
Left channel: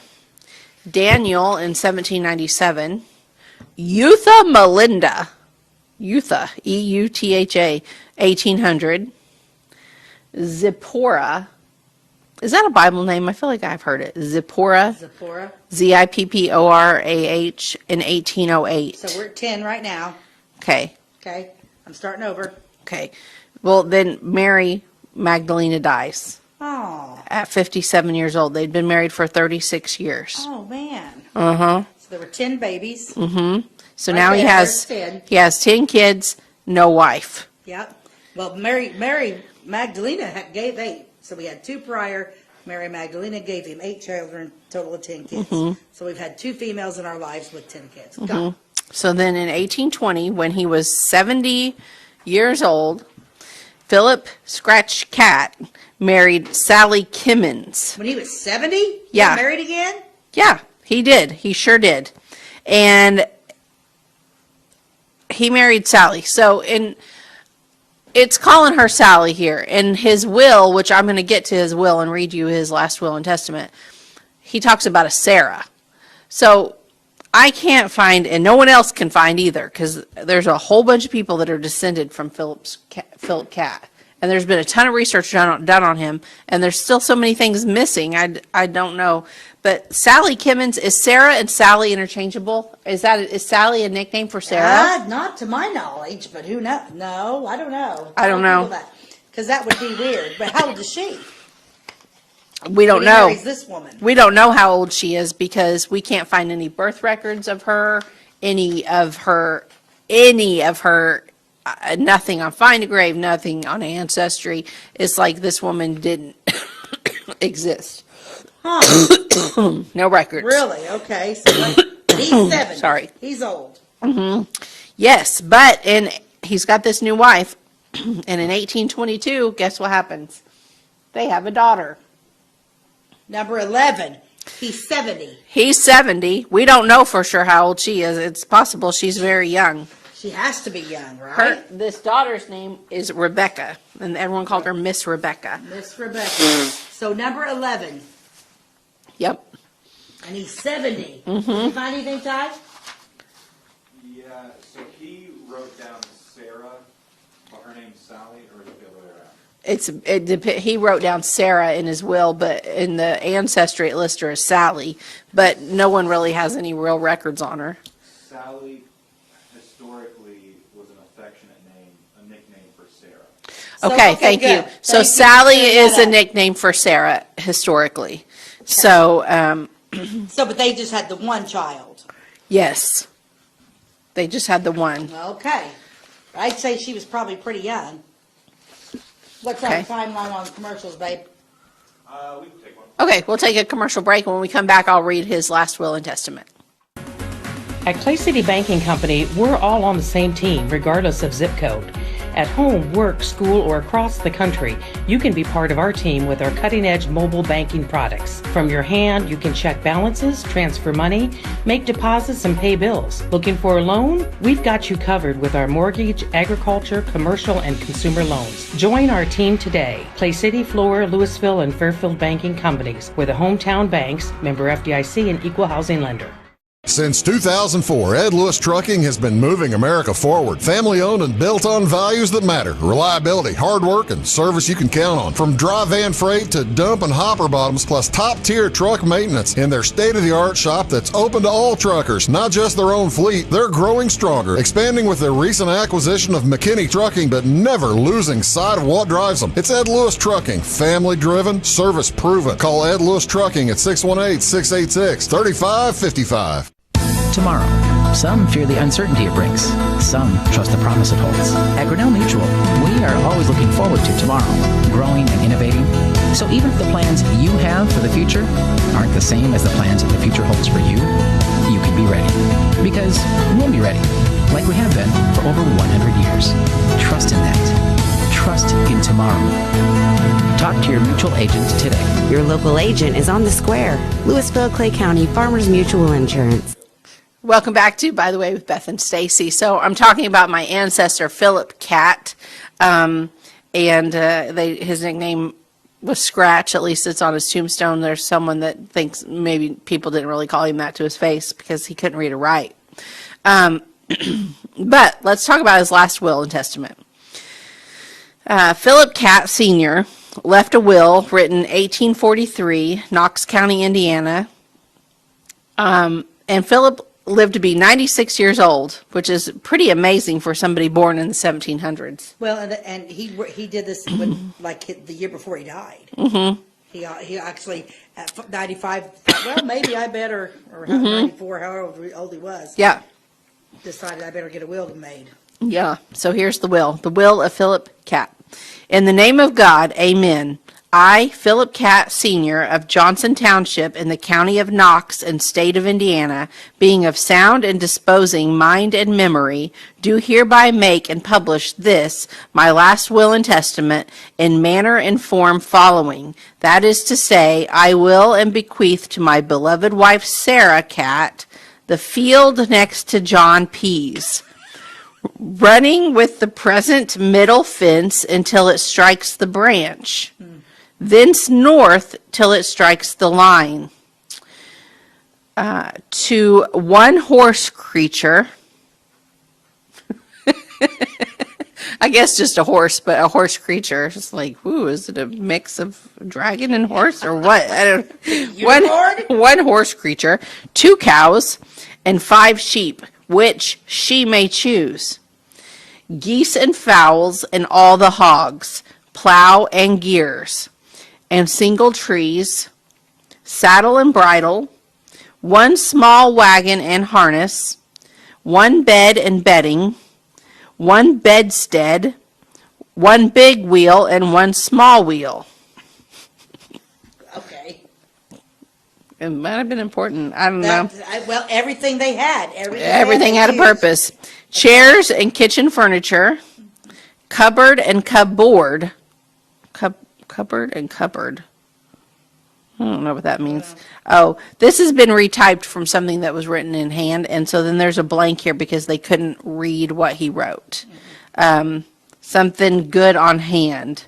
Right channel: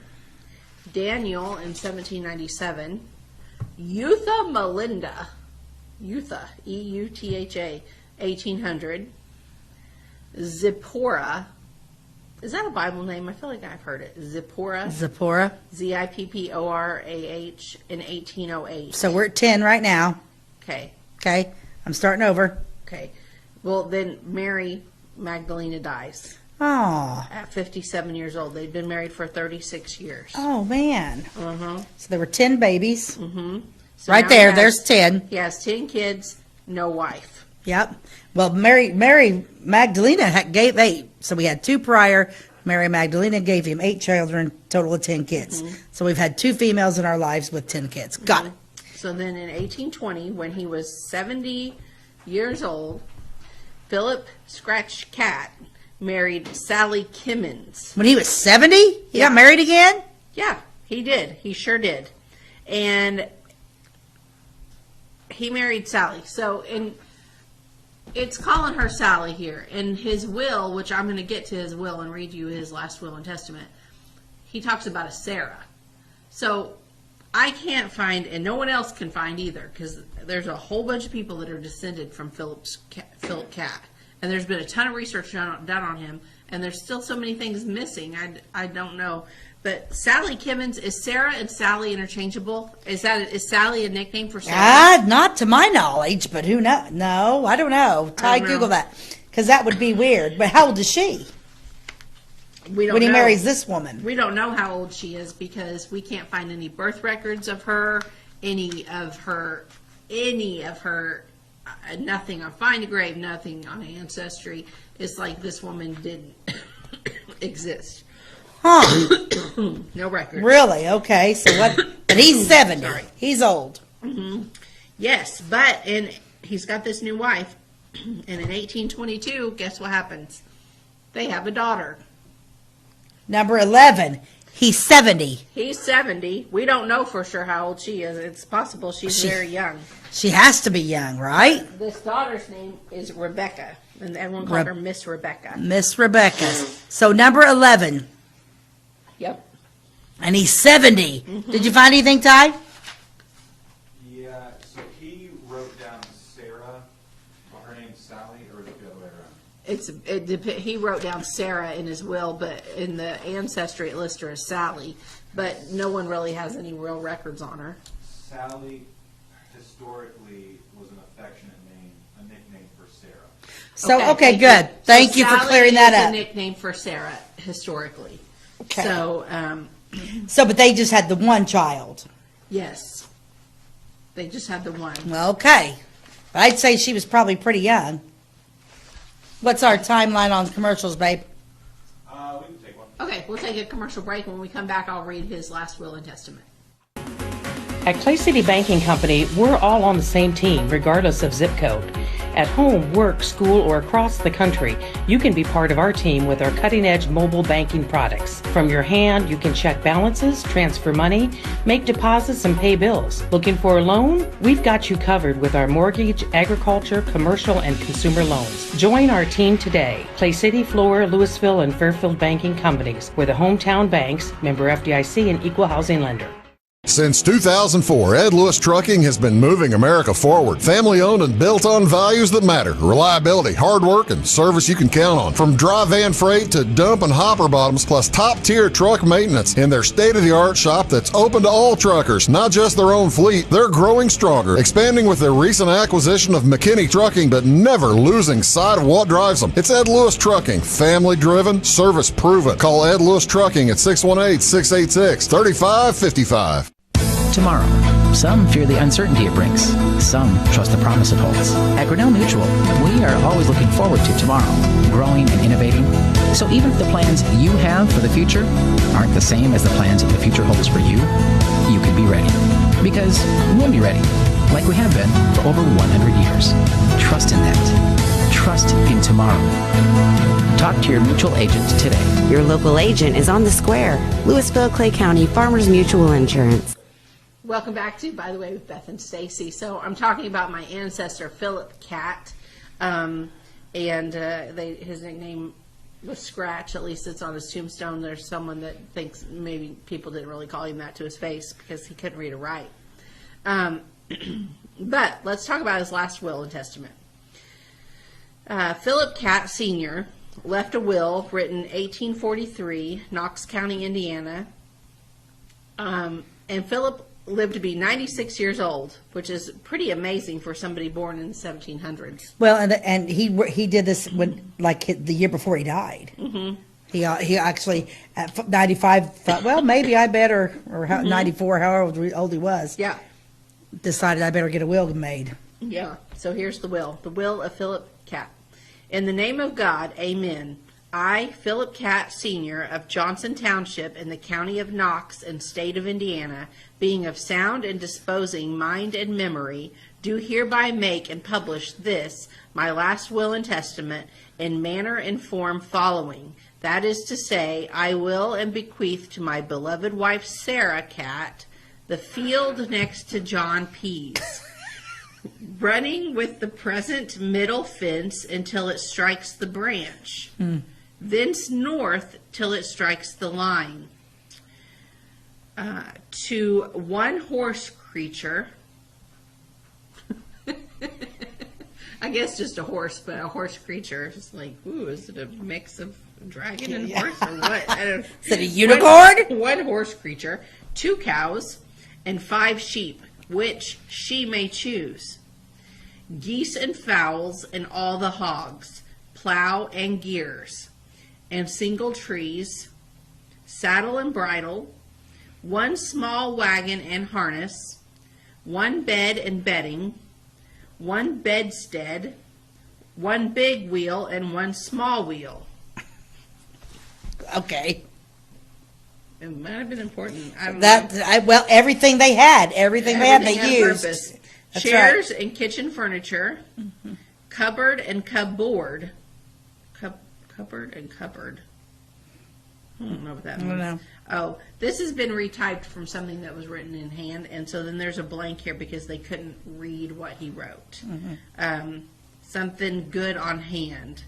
Daniel in 1797. Eutha Melinda. Eutha, E-U-T-H-A, 1800. Zipporah. Is that a Bible name? I feel like I've heard it. Zipporah. Zipporah, in 1808. So we're at 10 right now. Okay. Okay. I'm starting over. Okay. Well, then Mary Magdalena dies Oh. at 57 years old. They'd been married for 36 years. Oh, man. Uh-huh. So there were 10 babies. So Right now there, he has, there's 10. He has 10 kids, no wife. Yep. Well, Mary Magdalena gave 8. So we had 2 prior. Mary Magdalena gave him 8 children, total of 10 kids. So we've had 2 females in our lives with 10 kids. Got it. So then in 1820, when he was 70 years old, Philip Scratch Catt married Sally Kimmins. When he was 70? He Yeah. got married again? Yeah, he did. He sure did. And he married Sally. So it's calling her Sally here. In his will, which I'm going to get to his will and read you his last will and testament, he talks about a Sarah. So I can't find, and no one else can find either, because there's a whole bunch of people that are descended from Philip Catt. And there's been a ton of research done on him, and there's still so many things missing. I don't know. But Sally Kimmins, is Sarah and Sally interchangeable? Is Sally a nickname for Sarah? Not to my knowledge, but who knows? No, I don't know. I don't know. Google that, because that would be weird. But how old is she? We don't when he know. marries this woman. We don't know how old she is because we can't find any birth records of her, any of her, nothing on Find a Grave, nothing on Ancestry. It's like this woman didn't exist. Huh. No records. Really? Okay. So what? And he's 70. Sorry. He's old. Yes, but he's got this new wife, and in 1822, guess what happens? They have a daughter. Number 11. He's 70. He's 70. We don't know for sure how old she is. It's possible she's very young. She has to be young, right? This daughter's name is Rebecca, and everyone called her Miss Rebecca. Miss Rebecca. So number 11. Yep. And he's 70. Did you find anything, Ty? Yeah, so he wrote down Sarah, but her name's Sally, or is it the other way around? He wrote down Sarah in his will, but in the Ancestry it lists her as Sally, but no one really has any real records on her. Sally historically was an affectionate name, a nickname for Sarah. Okay, okay, thank good. you. So Thank you for Sally clearing is that a up. nickname for Sarah historically. So, So, but they just had the one child. yes, they just had the one. Okay. I'd say she was probably pretty young. What's our Okay. timeline on commercials, babe? We can take one. Okay, we'll take a commercial break. When we come back, I'll read his last will and testament. At Clay City Banking Company, we're all on the same team, regardless of zip code. At home, work, school, or across the country, you can be part of our team with our cutting-edge mobile banking products. From your hand, you can check balances, transfer money, make deposits, and pay bills. Looking for a loan? We've got you covered with our mortgage, agriculture, commercial, and consumer loans. Join our team today. Clay City, Flora, Louisville, and Fairfield Banking Companies. We're the hometown banks, member FDIC, and equal housing lender. Since 2004, Ed Lewis Trucking has been moving America forward. Family-owned and built on values that matter. Reliability, hard work, and service you can count on. From dry van freight to dump and hopper bottoms, plus top-tier truck maintenance in their state-of-the-art shop that's open to all truckers, not just their own fleet. They're growing stronger, expanding with their recent acquisition of McKinney Trucking, but never losing sight of what drives them. It's Ed Lewis Trucking, family-driven, service-proven. Call Ed Lewis Trucking at 618-686-3555. Tomorrow. Some fear the uncertainty it brings. Some trust the promise it holds. At Grinnell Mutual, we are always looking forward to tomorrow, growing and innovating. So even if the plans you have for the future aren't the same as the plans that the future holds for you, you can be ready. Because we'll be ready, like we have been for over 100 years. Trust in that. Trust in tomorrow. Talk to your mutual agent today. Your local agent is on the square. Louisville, Clay County Farmers Mutual Insurance. Welcome back to, by the way, with Beth and Stacey. So I'm talking about my ancestor, Philip Catt, and his nickname was Scratch. At least it's on his tombstone. There's someone that thinks maybe people didn't really call him that to his face because he couldn't read or write. But let's talk about his last will and testament. Philip Catt Sr. left a will written 1843, Knox County, Indiana. And Philip lived to be 96 years old, which is pretty amazing for somebody born in the 1700s. Well, and he did this when the year before he died. Mm-hmm. He actually at 95 thought, well, maybe I better, or 94, however old he was. Yeah. Decided I better get a will made. Yeah. So here's the will of Philip Catt. In the name of God, amen. I, Philip Catt Sr. of Johnson Township in the county of Knox and state of Indiana, being of sound and disposing mind and memory, do hereby make and publish this, my last will and testament, in manner and form following. That is to say, I will and bequeath to my beloved wife Sarah Catt the field next to John Pease, running with the present middle fence until it strikes the branch. Thence north till it strikes the line. To one horse creature, I guess just a horse, but a horse creature. It's like, ooh, is it a mix of dragon and horse or what? I don't. Is it a unicorn? One horse creature, 2 cows, and 5 sheep, which she may choose. Geese and fowls and all the hogs, plow and gears, and single trees, saddle and bridle, 1 small wagon and harness, 1 bed and bedding, 1 bedstead, 1 big wheel and 1 small wheel. Okay. It might have been important. I don't know. Well, everything they had. Everything had a purpose. Chairs and kitchen furniture, cupboard and cupboard. Cupboard and cupboard. I don't know what that means. Oh, this has been retyped from something that was written in hand, and so then there's a blank here because they couldn't read what he wrote. Something good on hand.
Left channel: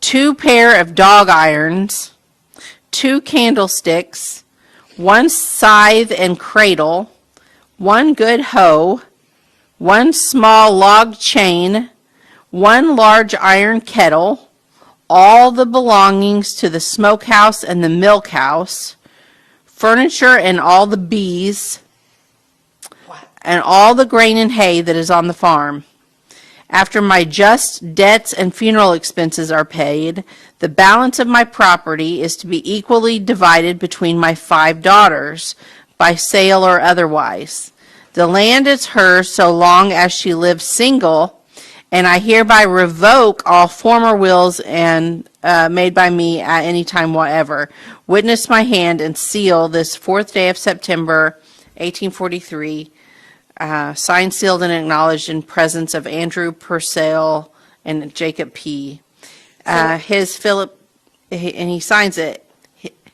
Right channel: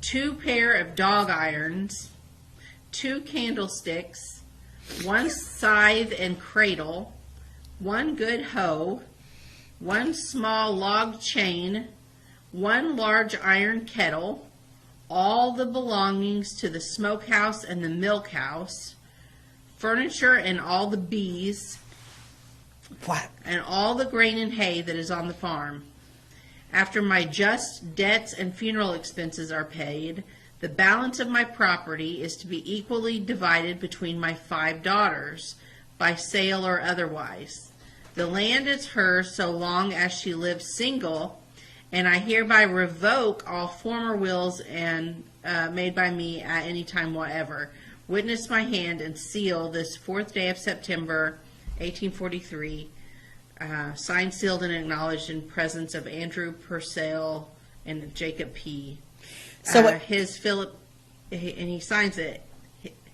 2 pair of dog irons, 2 candlesticks, 1 scythe and cradle, 1 good hoe, 1 small log chain, 1 large iron kettle, all the belongings to the smokehouse and the milk house, furniture and all the bees, and all the grain and hay that is on the farm. After my just debts and funeral expenses are paid, the balance of my property is to be equally divided between my 5 daughters, by sale or otherwise. The land is hers so long as she lives single, and I hereby revoke all former wills and made by me at any time whatever. Witness my hand and seal this 4th day of September, 1843, signed, sealed, and acknowledged in presence of Andrew Purcell and Jacob P. His Philip, and he signs it,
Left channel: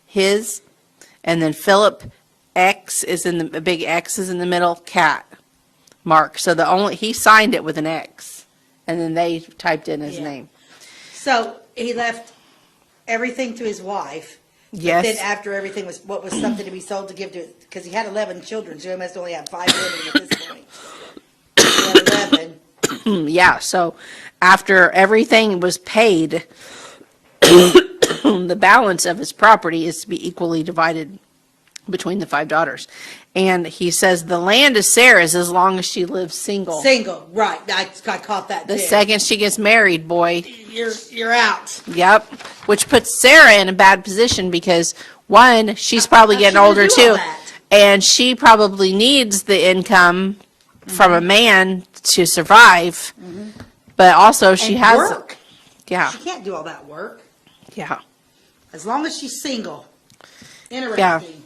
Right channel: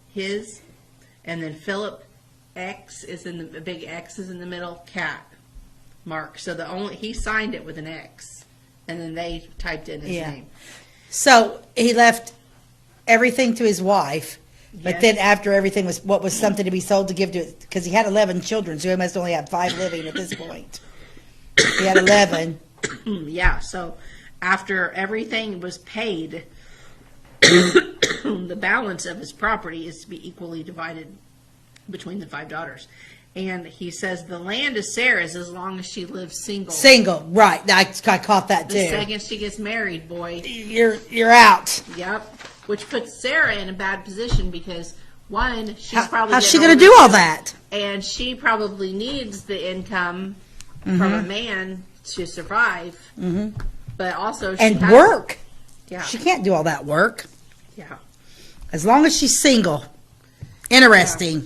his, and then Philip X is in the big X is in the middle, Catt mark. So he signed it with an X, and then they typed in his name. So he left everything to his wife, But Yes. then after everything was what was something to be sold to give to it, because he had 11 children, so he must only have 5 living at this point. He had 11. Yeah, so after everything was paid, the balance of his property is to be equally divided between the 5 daughters. And he says the land is Sarah's as long as she lives single. Single, right? I caught that too. The second she gets married, boy, you're out. yep. Which puts Sarah in a bad position because one, she's probably how's getting she gonna older do too, all that? and she probably needs the income from a man to survive. But also she And has work. Yeah, She can't do all that work yeah. as long as she's single. Interesting.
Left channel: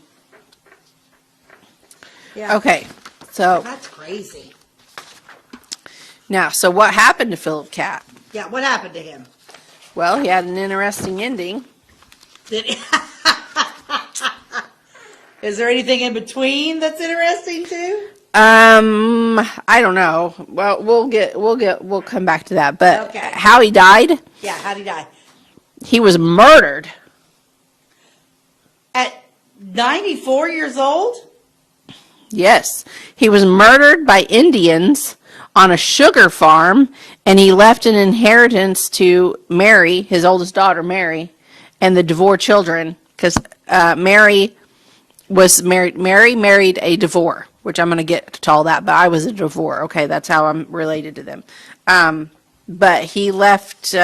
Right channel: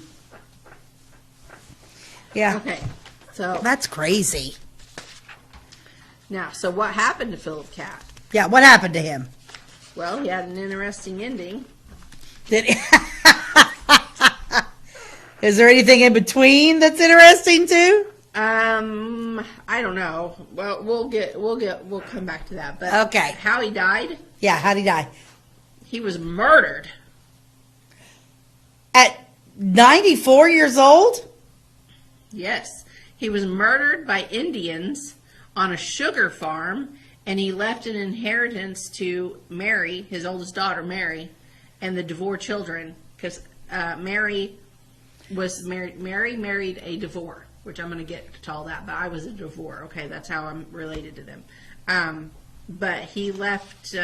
Yeah. Okay, so That's crazy. now, so what happened to Philip Catt? Yeah. What happened to him? Well, he had an interesting ending. Did Is there anything in between that's interesting too? I don't know. Well, we'll come back to that. But Okay. how he died? Yeah. How'd he die? He was murdered. At 94 years old? Yes, he was murdered by Indians on a sugar farm, and he left an inheritance to Mary, his oldest daughter, Mary, and the Devore children, because Mary was married. Mary married a Devore, which I'm going to get to all that, but I was a Devore. Okay, that's how I'm related to them. But he left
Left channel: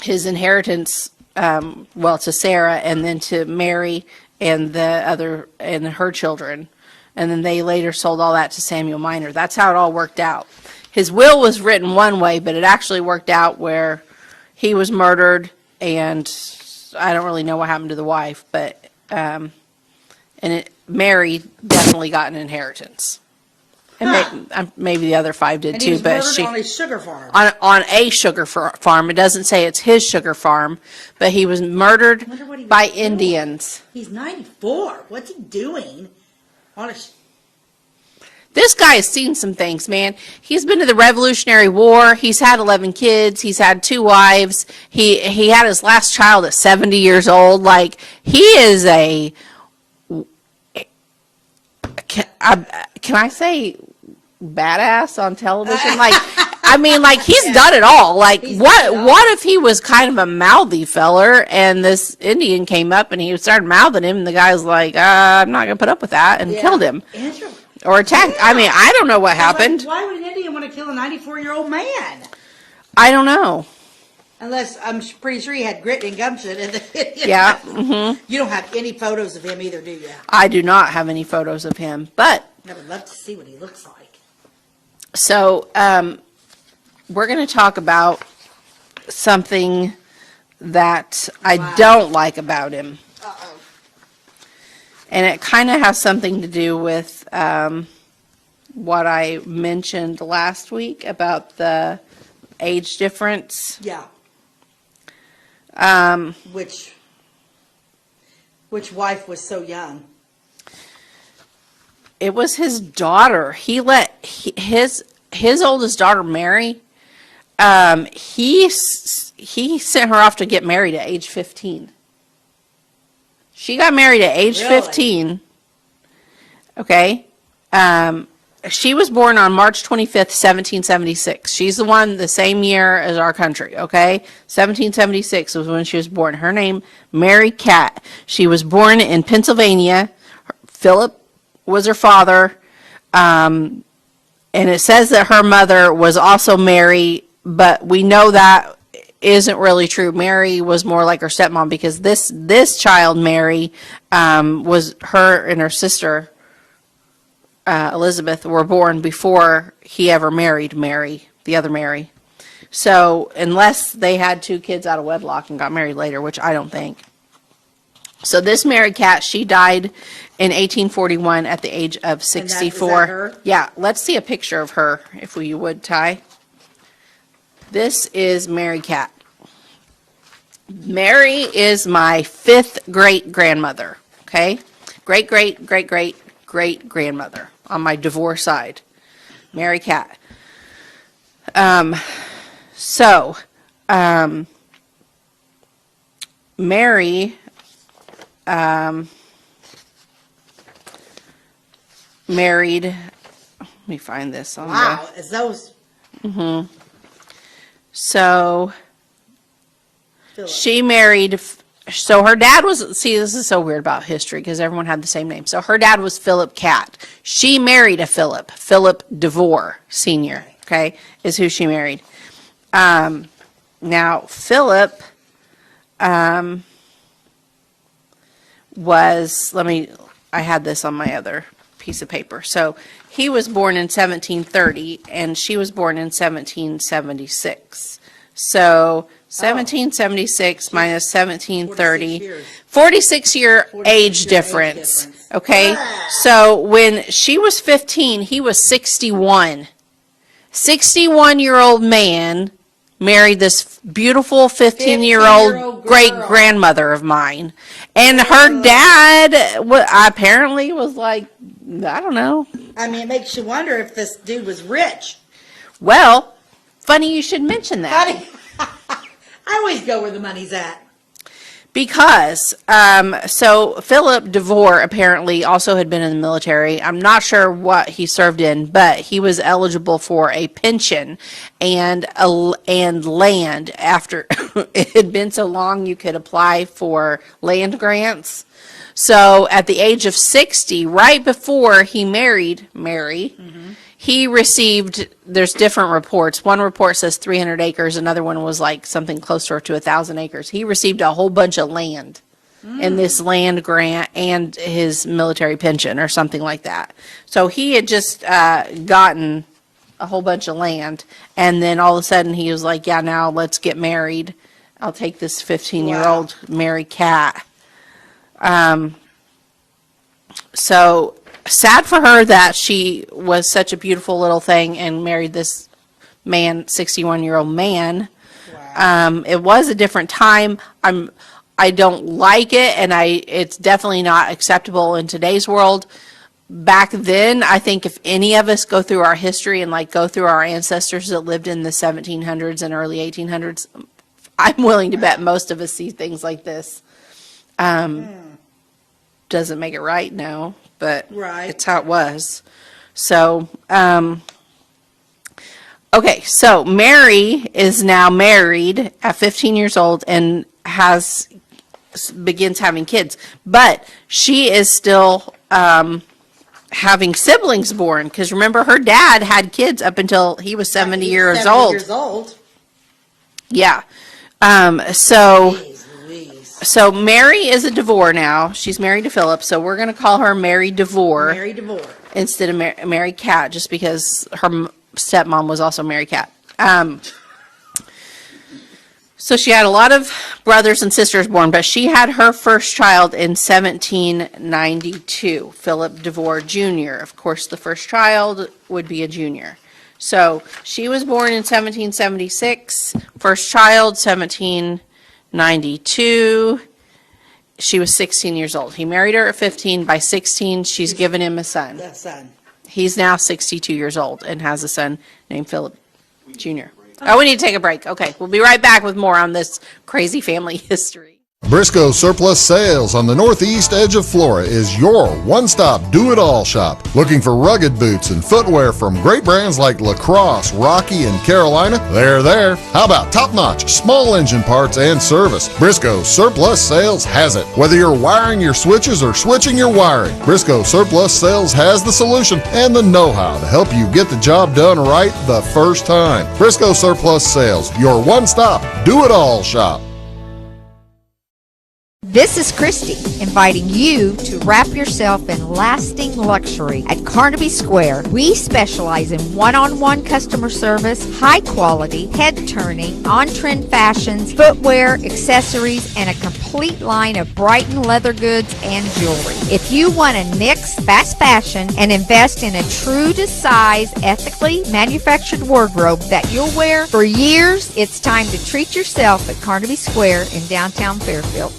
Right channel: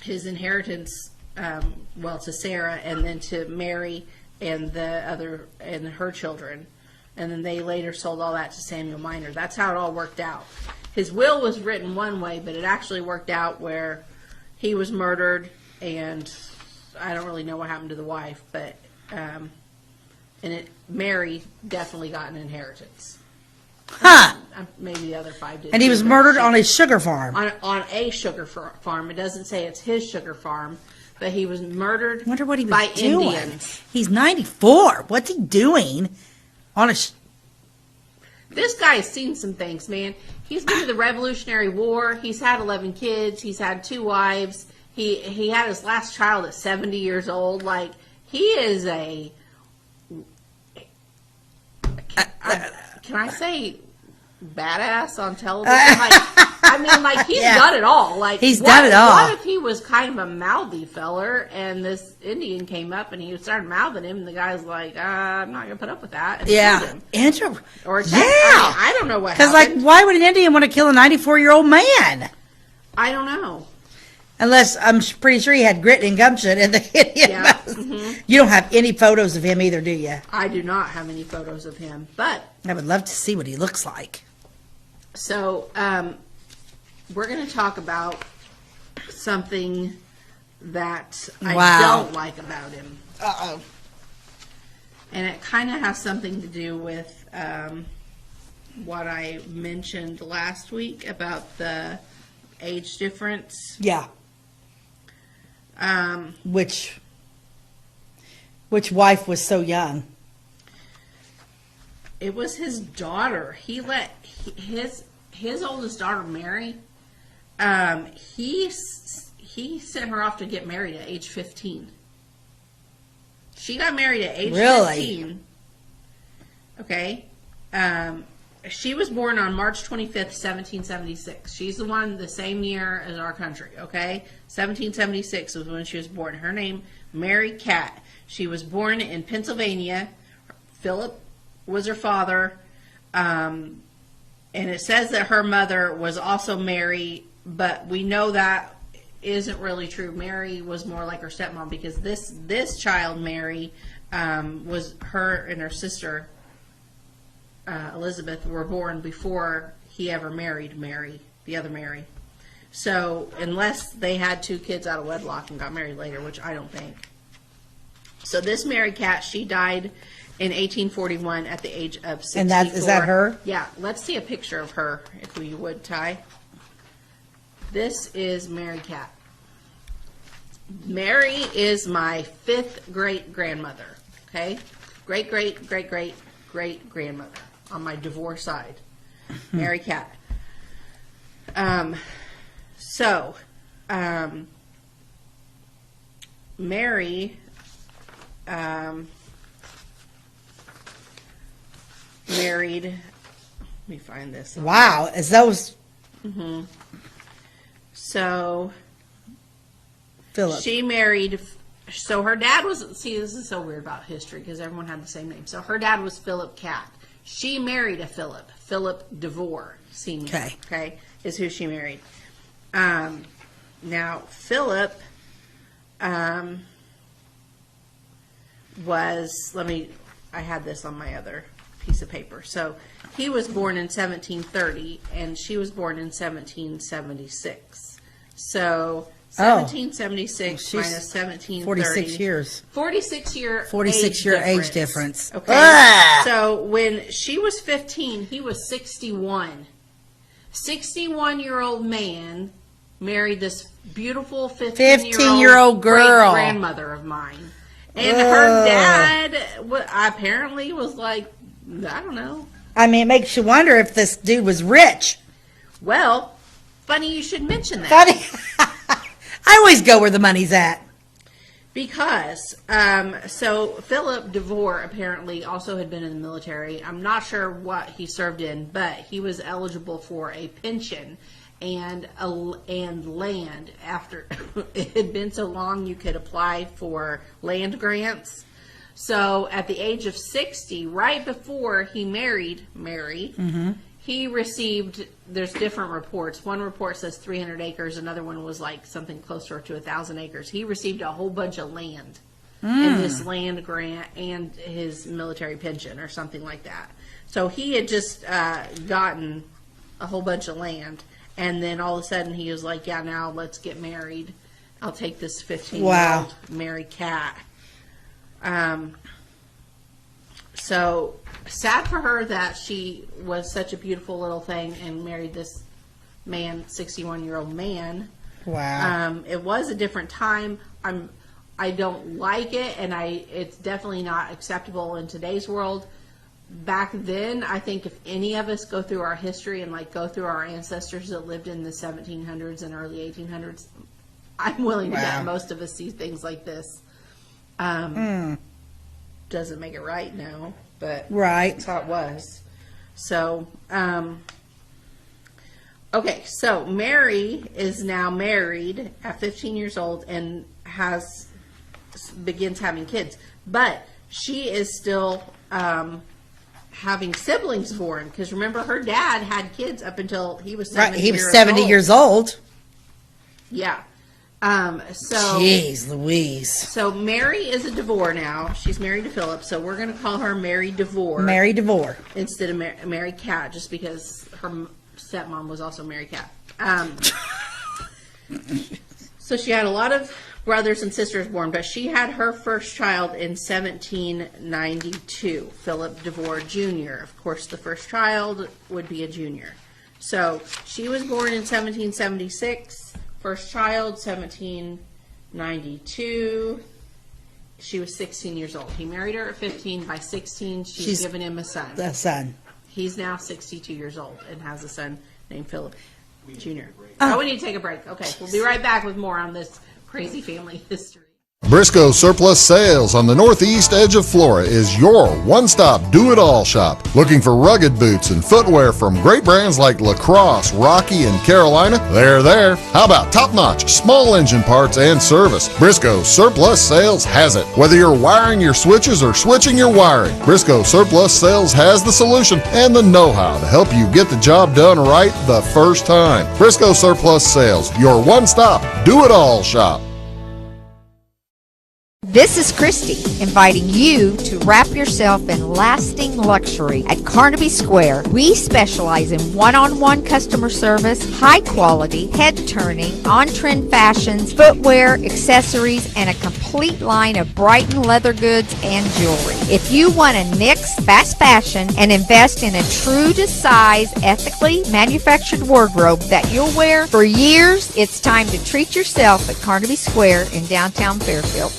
his inheritance, to Sarah, and then to Mary and her children, and then they later sold all that to Samuel Minor. That's how it all worked out. His will was written one way, but it actually worked out where he was murdered, and I don't really know what happened to the wife, but Mary definitely got an inheritance. And maybe the other 5 did too. And he was but murdered on a sugar farm. on a sugar farm. It doesn't say it's his sugar farm, but he was murdered I wonder what he was by doing. Indians. He's 94. What's he doing on a? This guy has seen some things, man. He's been to the Revolutionary War. He's had 11 kids. He's had 2 wives. He had his last child at 70 years old. Like, he is a. Can I say badass on television? Like, I mean, like, he's done it all. Like, He's done it all. What if he was kind of a mouthy feller and this Indian came up and he started mouthing him and the guy's like, I'm not going to put up with that, and killed him. Or attacked. Yeah. I mean, I don't know what happened. Like, why would an Indian want to kill a 94-year-old man? I don't know. Unless I'm pretty sure he had grit and gumption. And Yeah. Mm-hmm. You don't have any photos of him either, do you? I do not have any photos of him, but I would love to see what he looks like. so we're going to talk about something that I Wow. don't like about him. Uh-oh. And it kind of has something to do with what I mentioned last week about the age difference. Yeah. Which wife was so young? It was his daughter. He let his oldest daughter marry. He sent her off to get married at age 15. She got married at age Really? 15. Okay. She was born on March 25th, 1776. She's the same year as our country, okay? 1776 was when she was born. Her name, Mary Catt. She was born in Pennsylvania. Philip was her father. And it says that her mother was also Mary, but we know that isn't really true. Mary was more like her stepmom, because this child, Mary, was her and her sister, Elizabeth, were born before he ever married Mary, the other Mary. So unless they had 2 kids out of wedlock and got married later, which I don't think. So this Mary Catt, she died in 1841 at the age of 64. Is that her? Yeah, let's see a picture of her, if we would, Ty. This is Mary Catt. Mary is my 5th great-grandmother, okay? Great-great-great-great-great-grandmother on my Devore side. Mary Catt. Mary married, let me find this. Wow, is those So Philip? she married, so her dad was, see, this is so weird about history because everyone had the same name. So her dad was Philip Catt. She married a Philip Devore Sr., okay, is who she married. Now, Philip was, I had this on my other piece of paper. So he was born in 1730 and she was born in 1776. So 1776 minus 1730. 46 year age difference. Okay. So when she was 15, he was 61. 61-year-old man married this beautiful 15-year-old great-grandmother of mine. And her dad apparently was like, I don't know. I mean, it makes you wonder if this dude was rich. Well, funny you should mention that. Funny. I always go where the money's at. Because, so Philip Devore apparently also had been in the military. I'm not sure what he served in, but he was eligible for a pension and land after it had been so long you could apply for land grants. So at the age of 60, right before he married Mary, he received, there's different reports. One report says 300 acres. Another one was like something closer to 1,000 acres. He received a whole bunch of land in this land grant and his military pension or something like that. So he had just gotten a whole bunch of land. And then all of a sudden he was like, yeah, now let's get married. I'll take this 15-year-old Mary Catt. So sad for her that she was such a beautiful little thing and married this man, 61-year-old man. Wow. It was a different time. I don't like it, and it's definitely not acceptable in today's world. Back then, I think if any of us go through our history and like go through our ancestors that lived in the 1700s and early 1800s, I'm willing to bet most of us see things like this. Doesn't make it right, no, but it's how it was. So, okay, so Mary is now married at 15 years old and begins having kids, but she is still having siblings born, because remember her dad had kids up until he was 70 years old. Yeah. Jeez Louise. So Mary is a Devore now. She's married to Philip, so we're going to call her Mary Devore. Mary Devore. Instead of Mary Catt, just because her stepmom was also Mary Catt. So she had a lot of brothers and sisters born, but she had her first child in 1792, Philip Devore Jr. Of course, the first child would be a junior. So she was born in 1776, first child 1792. She was 16 years old. He married her at 15. By 16, she's given him a son. A son. He's now 62 years old and has a son named Philip Jr. Oh, we need to take a break. Okay, we'll be right back with more on this crazy family history. Briscoe Surplus Sales on the northeast edge of Flora is your one-stop do-it-all shop. Looking for rugged boots and footwear from great brands like Lacrosse, Rocky, and Carolina? They're there. How about top-notch small engine parts and service? Briscoe Surplus Sales has it. Whether you're wiring your switches or switching your wiring, Briscoe Surplus Sales has the solution and the know-how to help you get the job done right the first time. Briscoe Surplus Sales, your one-stop do-it-all shop. This is Christy, inviting you to wrap yourself in lasting luxury at Carnaby Square. We specialize in one-on-one customer service, high-quality, head-turning, on-trend fashions, footwear, accessories, and a complete line of Brighton leather goods and jewelry. If you want to nix fast fashion and invest in a true-to-size, ethically manufactured wardrobe that you'll wear for years, it's time to treat yourself at Carnaby Square in downtown Fairfield.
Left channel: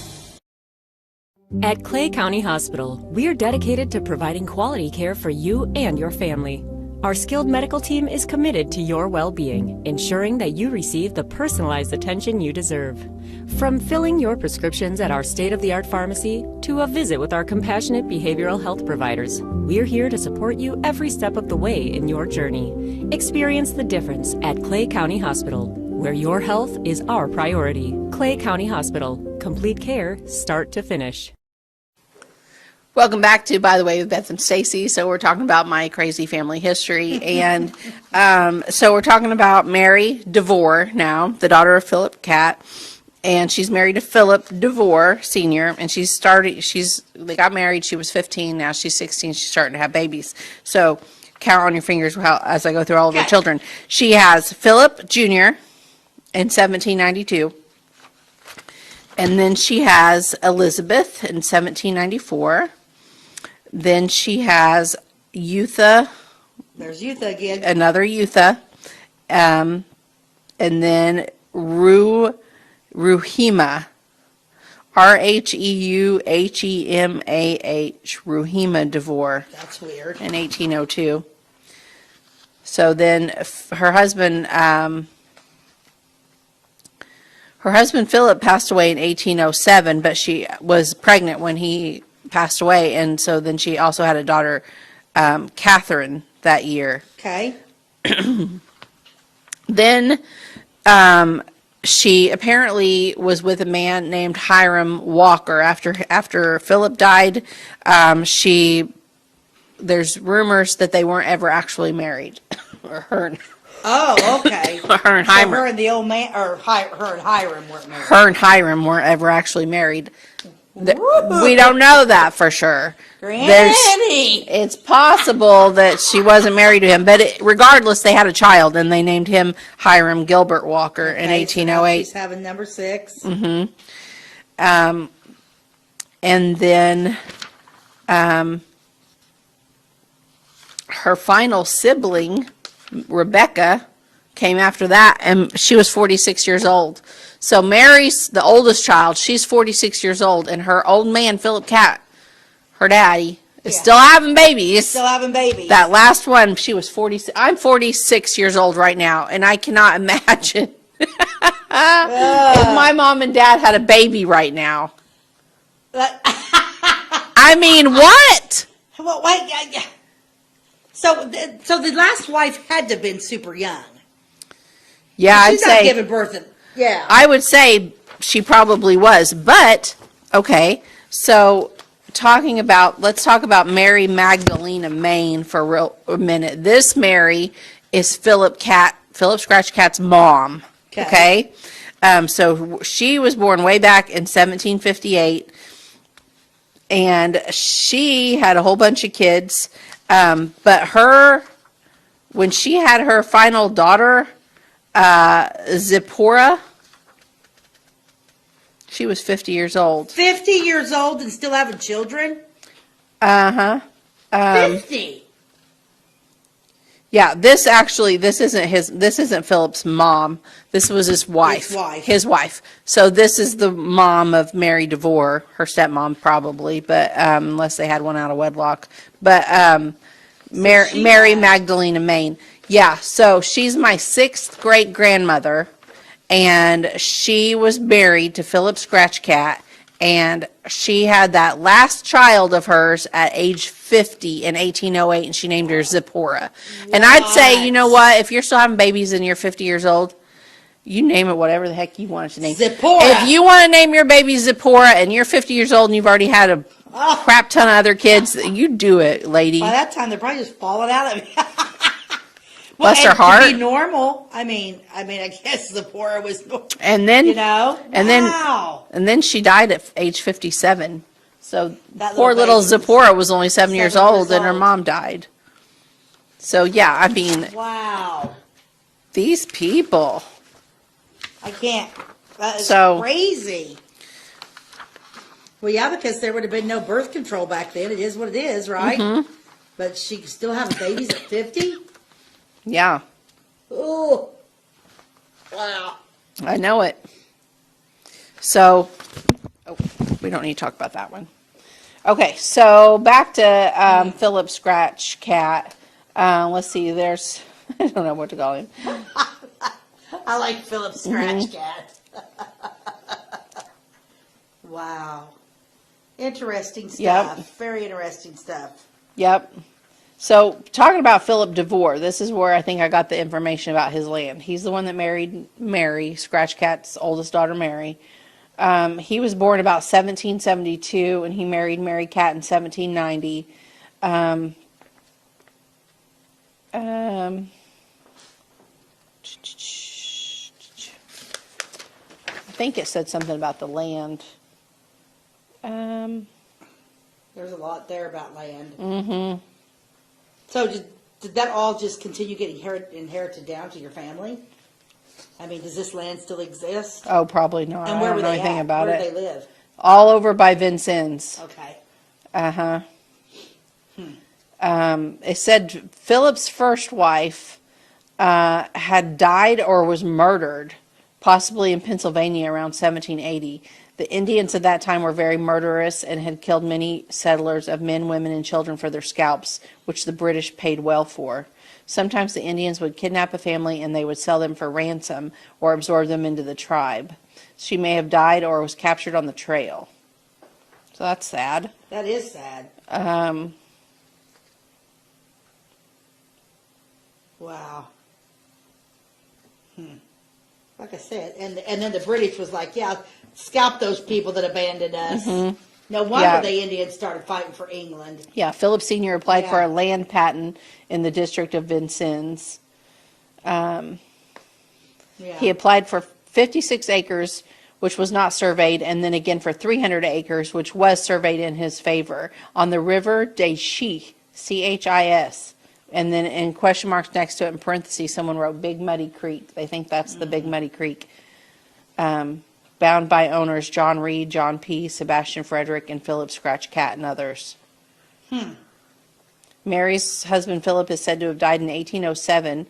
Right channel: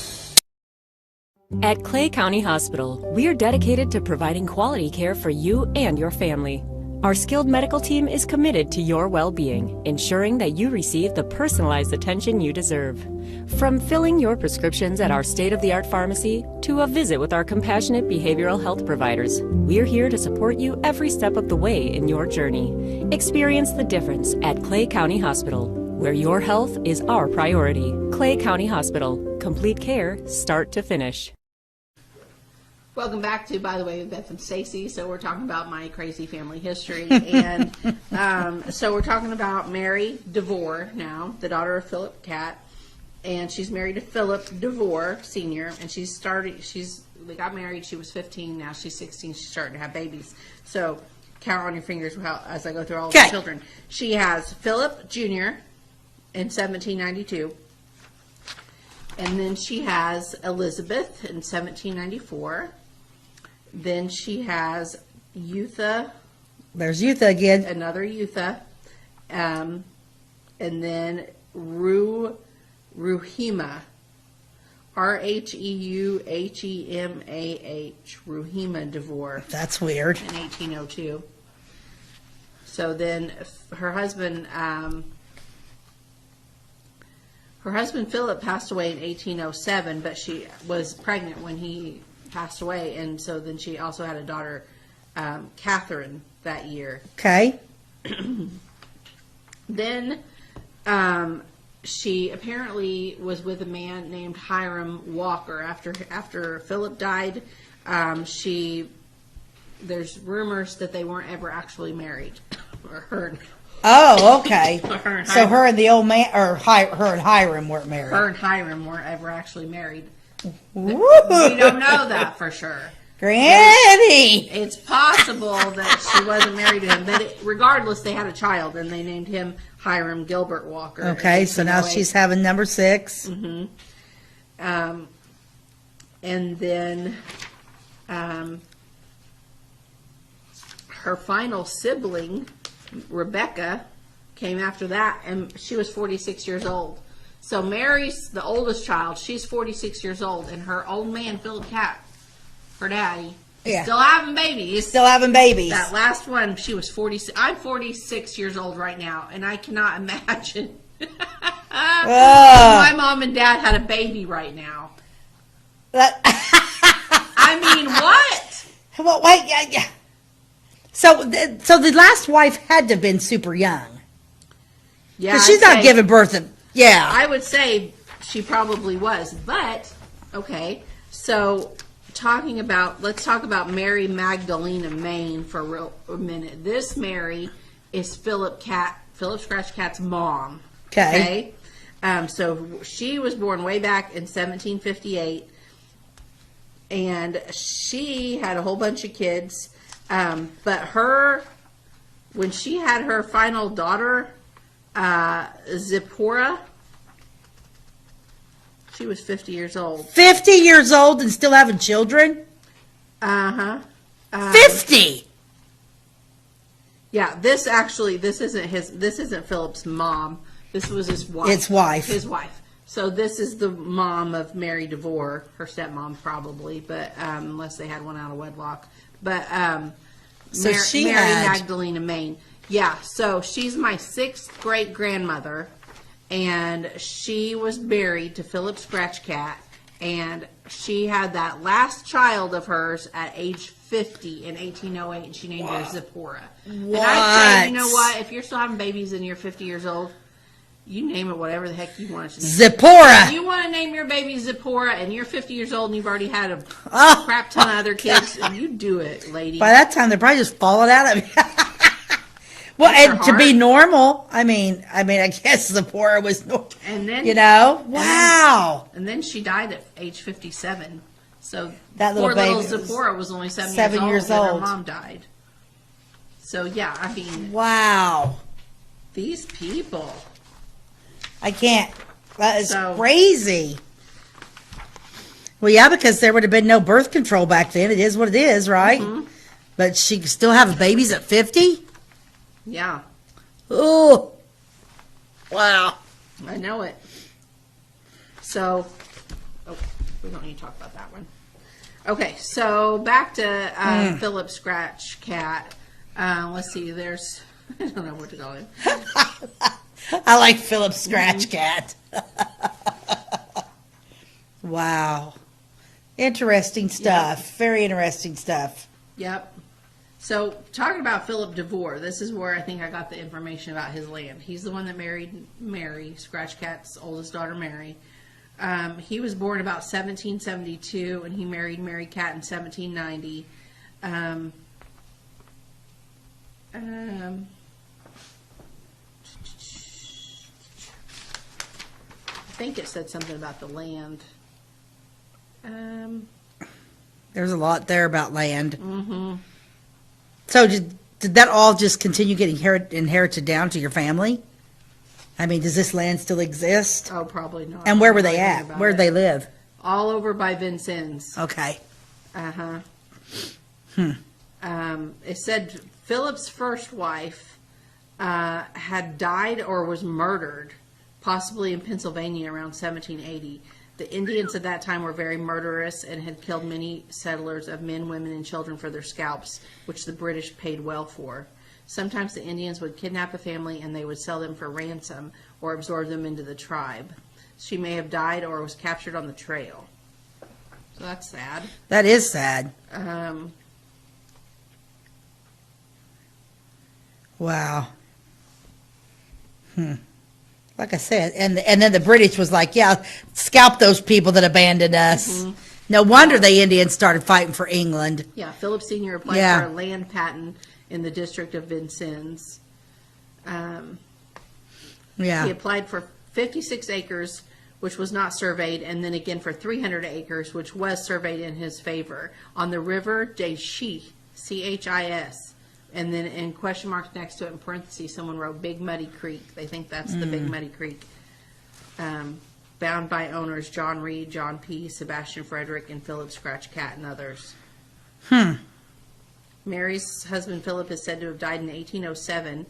At Clay County Hospital, we are dedicated to providing quality care for you and your family. Our skilled medical team is committed to your well-being, ensuring that you receive the personalized attention you deserve. From filling your prescriptions at our state-of-the-art pharmacy to a visit with our compassionate behavioral health providers, we're here to support you every step of the way in your journey. Experience the difference at Clay County Hospital, where your health is our priority. Clay County Hospital. Complete care, start to finish. Welcome back to, by the way, with Beth and Stacey. So we're talking about my crazy family history. And so we're talking about Mary Devore now, the daughter of Philip Catt. And she's married to Philip Devore, Sr. And they got married, she was 15, now she's 16, she's starting to have babies. So count on your fingers as I go through all of her children. She has Philip Jr. in 1792. And then she has Elizabeth in 1794. Then she has Eutha. There's Eutha again. Another Eutha. And then Ruhema. Rheuhemah. Ruhema Devore. That's weird. In 1802. So then her husband Philip passed away in 1807, but she was pregnant when he passed away, and so then she also had a daughter, Catherine, that year. Okay. Then she apparently was with a man named Hiram Walker. After Philip died, there's rumors that they weren't ever actually married. Or her. Oh, okay. Her and so Hiram. her and the old man, or her and Hiram weren't married. Her and Hiram weren't ever actually married. We don't know that for sure. Granny! It's possible that she wasn't married to him, but regardless, they had a child, and they named him Hiram Gilbert Walker in 1808. So now she's having number 6. Mm-hmm. And then her final sibling, Rebecca, came after that, and she was 46 years old. So Mary's the oldest child. She's 46 years old, and her old man, Philip Catt, her daddy, is still having babies. Still having babies. That last one, she was 46. I'm 46 years old right now, and I cannot imagine if my mom and dad had a baby right now. I mean, what? Well, wait, yeah. So the last wife had to have been super young. Yeah, she's not giving birth. Yeah, I would say she probably was. But okay, so let's talk about Mary Magdalena Main for a minute. This Mary is Philip Scratch Catt's mom. Okay. So she was born way back in 1758, and she had a whole bunch of kids. But when she had her final daughter, Zipporah, she was 50 years old. 50 years old and still having children? 50? Yeah, this isn't Philip's mom. This was his wife. His wife. So this is the mom of Mary Devore, her stepmom probably, but unless they had one out of wedlock. But Mary Magdalena Main. Yeah, so she's my 6th great grandmother, and she was married to Philip Scratch Catt, and she had that last child of hers at age 50 in 1808, and she named her Zipporah. And I'd say, you know what, if you're still having babies and you're 50 years old, you name it whatever the heck you want it to name. Zipporah. If you want to name your baby Zipporah and you're 50 years old and you've already had a crap ton of other kids, you do it, lady. By that time, they're probably just falling out of you. Well, and her heart. To be normal, I mean, I guess Zipporah was normal. And then, and then she died at age 57. So that poor little baby Zipporah was only 7 years old, and her old. mom died. So yeah, I mean, wow, these people. I can't. That is crazy. Well, yeah, because there would have been no birth control back then. It is what it is, right? Mm-hmm. But she still have babies at 50? Yeah. Oh, wow. I know it. So, we don't need to talk about that one. Okay, so back to Philip Scratch Catt. Let's see, there's, I don't know what to call him. I like Philip Scratch Cat. Wow. Interesting stuff. Very interesting stuff. Yep. So, talking about Philip Devore, this is where I think I got the information about his land. He's the one that married Mary, Scratch Cat's oldest daughter, Mary. He was born about 1772, and he married Mary Catt in 1790. I think it said something about the land. There's a lot there about land. So did that all just continue getting inherited down to your family? I mean, does this land still exist? Oh, probably not. And where were they at? Where did they live? All over by Vincennes. Okay. Uh-huh. It said Philip's first wife had died or was murdered, possibly in Pennsylvania around 1780. The Indians at that time were very murderous and had killed many settlers of men, women, and children for their scalps, which the British paid well for. Sometimes the Indians would kidnap a family and they would sell them for ransom or absorb them into the tribe. She may have died or was captured on the trail. So that's sad. That is sad. Wow. Like I said, and then the British was like, yeah, scalp those people that abandoned us. No wonder the Indians started fighting for England. Yeah, Philip Sr. applied for a land patent in the district of Vincennes. He applied for 56 acres, which was not surveyed, and then again for 300 acres, which was surveyed in his favor, on the river de Chis, C-H-I-S. And then in question marks next to it, in parentheses, someone wrote Big Muddy Creek. They think that's the Big Muddy Creek. Bound by owners John Reed, John P., Sebastian Frederick, and Philip Scratch Cat, and others. Mary's husband Philip is said to have died in 1807.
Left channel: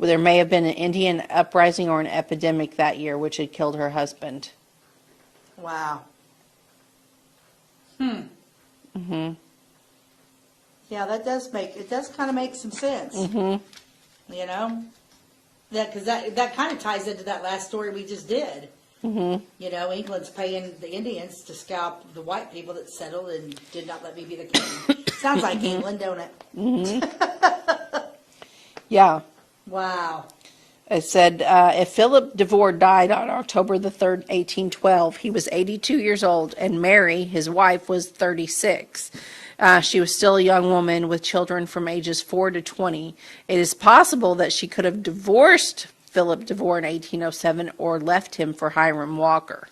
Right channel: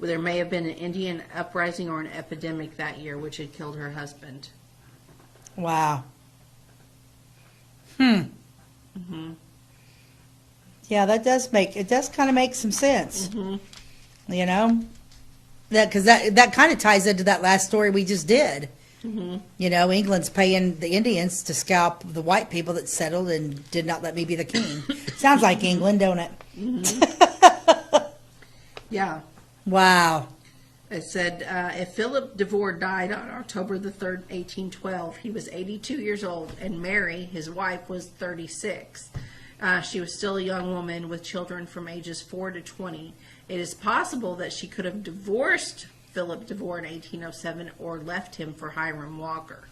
There may have been an Indian uprising or an epidemic that year, which had killed her husband. Wow. Yeah, that does kind of make some sense. You know, because that kind of ties into that last story we just did. You know, England's paying the Indians to scalp the white people that settled and did not let me be the king. Sounds like England, don't it? Yeah. Wow. It said, if Philip Devore died on October the 3rd, 1812, he was 82 years old, and Mary, his wife, was 36. She was still a young woman with children from ages 4 to 20. It is possible that she could have divorced Philip Devore in 1807 or left him for Hiram Walker.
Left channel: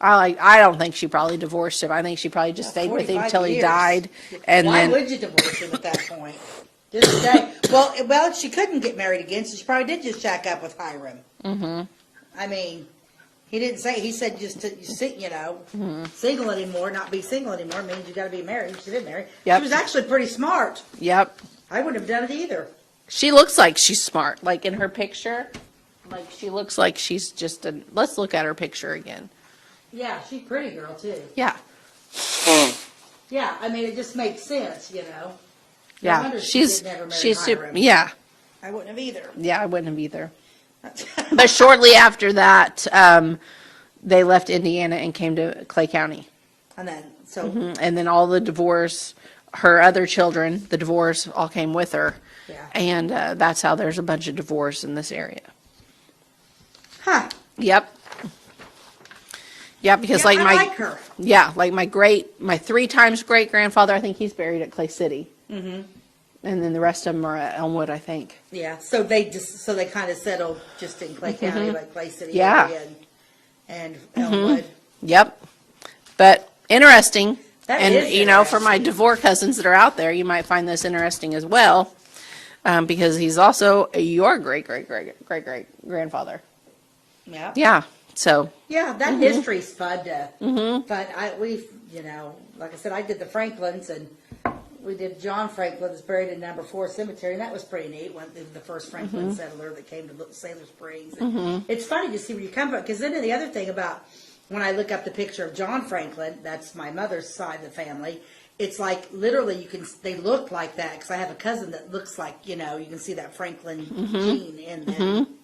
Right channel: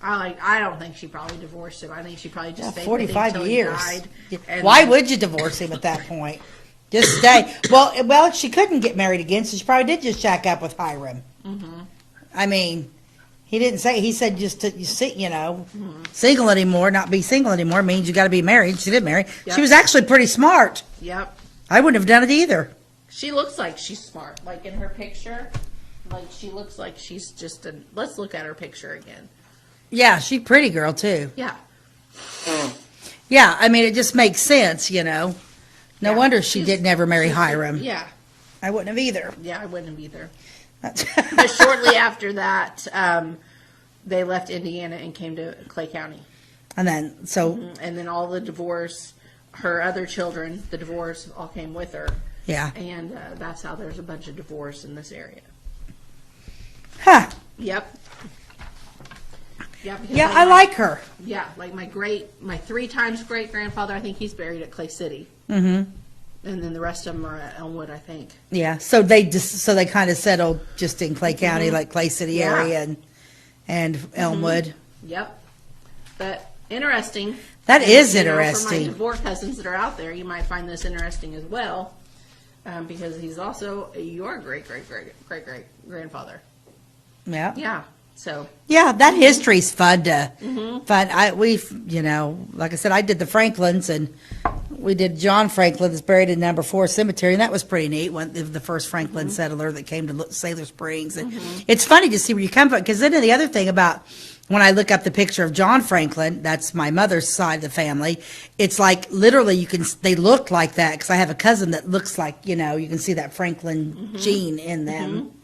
I don't think she probably divorced him. I think she probably just stayed with him until he died. And why would you divorce him at that point? Just stay. Well, she couldn't get married again, so she probably did just shack up with Hiram. I mean, he didn't say. He said just to single anymore, not be single anymore means you got to be married. She did marry. Yep. She was actually pretty smart. Yep. I wouldn't have done it either. She looks like she's smart. Like in her picture, like she looks like she's just a. Let's look at her picture again. Yeah, she's a pretty girl too. Yeah. Yeah, I mean it just makes sense, you know. No wonder she didn't ever marry Hiram. Yeah. I wouldn't have either. Yeah, I wouldn't have either. But shortly after that, they left Indiana and came to Clay County. And then, and then all the Devores, her other children, the Devores, all came with her. Yeah. And that's how there's a bunch of Devores in this area. Huh. Yep. Yeah, because I like her. Yeah, like my 3 times great grandfather, I think he's buried at Clay City. And then the rest of them are at Elmwood, I think. Yeah, so they kind of settled just in Clay County, like Clay City area and Elmwood. Yep. But interesting. That is interesting. You know, for my Devore cousins that are out there, you might find this interesting as well, because he's also your great-great-great-great-grandfather. Yeah. Yeah. So. Yeah, that history's fun to fun. Like I said, I did the Franklins, and we did John Franklin that's buried in number 4 cemetery, and that was pretty neat. One the first Franklin settler that came to Sailor Springs. And it's funny to see where you come from, because then the other thing about when I look up the picture of John Franklin, that's my mother's side of the family. It's like literally they look like that, because I have a cousin that looks like, you can see that Franklin gene in them.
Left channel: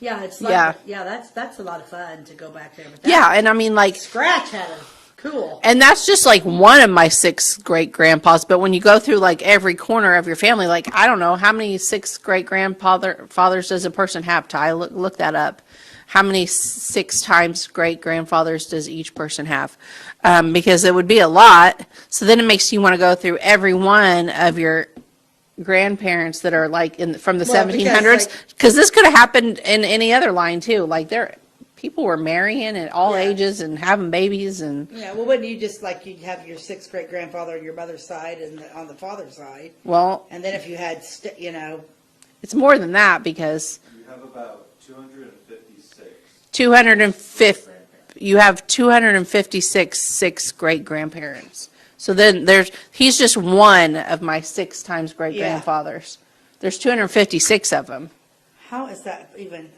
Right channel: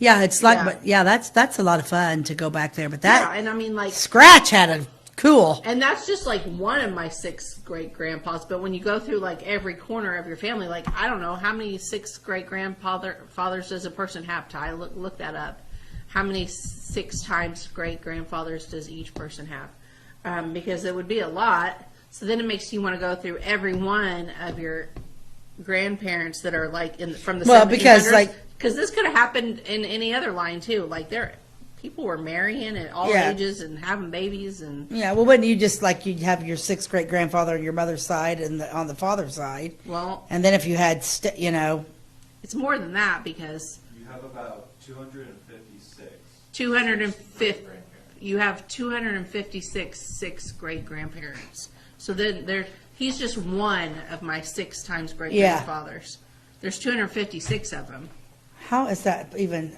Yeah, it's like that's a lot of fun to go back there. But and I mean, like, Scratch had a cool. And that's just like one of my 6 great grandpas. But when you go through like every corner of your family, like, I don't know, how many 6 great grandfathers does a person have? Ty, look that up. How many 6 times great grandfathers does each person have? Because it would be a lot. So then it makes you want to go through every one of your grandparents that are like from the 1700s. Because this could have happened in any other line too. Like people were marrying at all ages and having babies and. Yeah, well, wouldn't you just like you'd have your 6th great grandfather on your mother's side and on the father's side? Well, and then if you had, it's more than that, because You have about 256. 250. You have 256 6 great grandparents. So then he's just one of my 6 times great grandfathers. There's 256 of them. How is that even?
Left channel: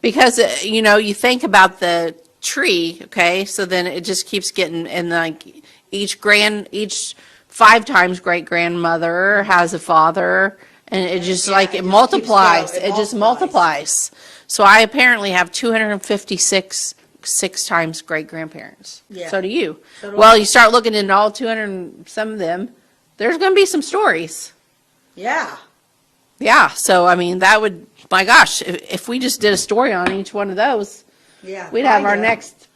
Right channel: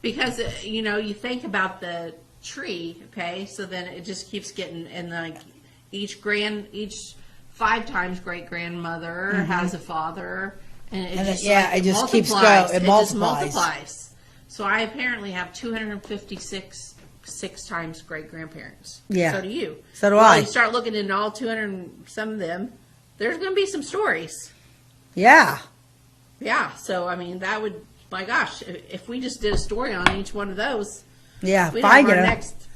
Because you think about the tree, okay? So then it just keeps getting, and like each 5 times great grandmother has a father, and it just it multiplies. It just multiplies. So I apparently have 256 6 times great grandparents. Yeah. So do you. So do well, I. you start looking into all 200 and some of them, there's going to be some stories. Yeah. Yeah. So, I mean, that would, my gosh, if we just did a story on each one of those, we'd have our next.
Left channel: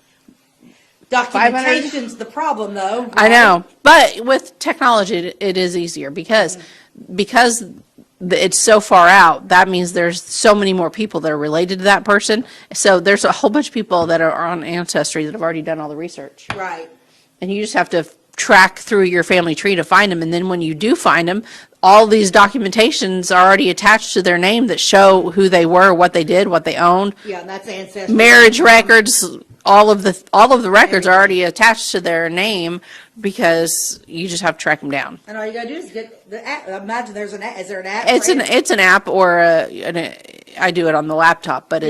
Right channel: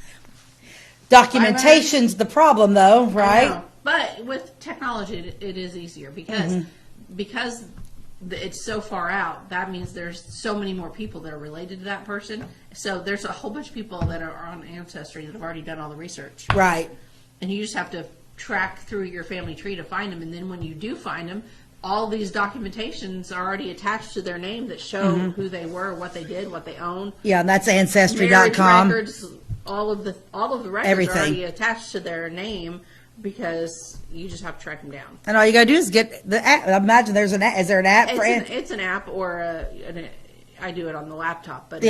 Documentation's the problem, though. Right? I know. But with technology, it is easier because it's so far out. That means there's so many more people that are related to that person. So there's a whole bunch of people that are on Ancestry that have already done all the research. Right. And you just have to track through your family tree to find them. And then when you do find them, all these documentations are already attached to their name that show who they were, what they did, what they owned. Yeah, and that's Ancestry. Marriage records, all of the records are already attached to their name, because you just have to track them down. And all you gotta do is get the app. I imagine there's an app. Is there an app? It's an app, or I do it on the laptop, but you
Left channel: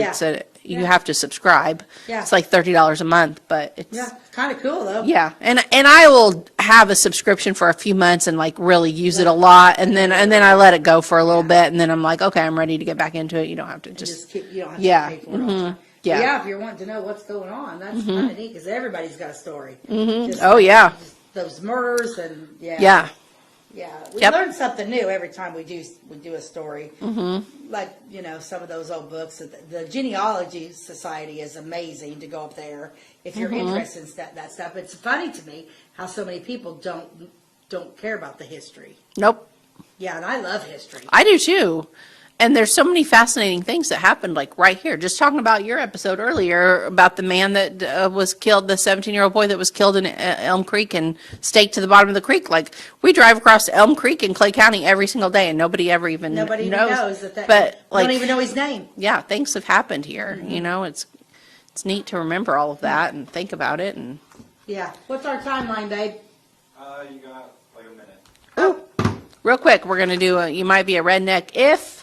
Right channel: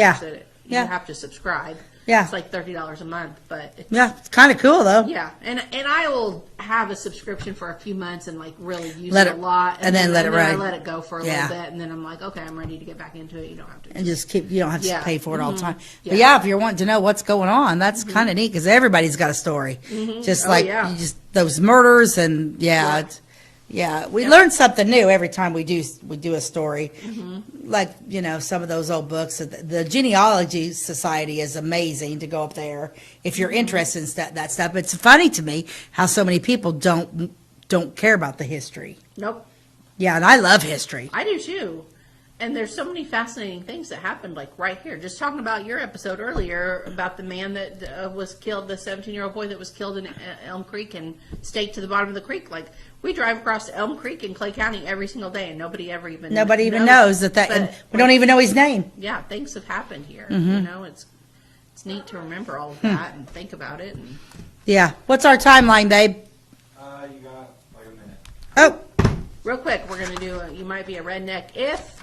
have to subscribe. Yeah. It's like $30 a month, but it's kind of cool though. Yeah, and I will have a subscription for a few months and like really use it a lot, and then I let it go for a little bit, and then I'm like, okay, I'm ready to get back into it. You don't have to just keep. You don't have to pay for it all the time. Yeah. If you're wanting to know what's going on, that's kind of neat, because everybody's got a story. Just those murders and we learn something new every time we do a story. Like some of those old books. The Genealogy Society is amazing to go up there if you're interested in that stuff. It's funny to me how so many people don't care about the history. Nope. Yeah, and I love history. I do too. And there's so many fascinating things that happened, like right here. Just talking about your episode earlier about the man that was killed, the 17-year-old boy that was killed in Elm Creek and staked to the bottom of the creek. Like, we drive across Elm Creek in Clay County every single day, and nobody even knows that. But we don't even know his name. Yeah, things have happened here. It's neat to remember all of that and think about it. And what's our timeline, babe? You got like a minute. Oh. Real quick, we're going to do You Might Be a Redneck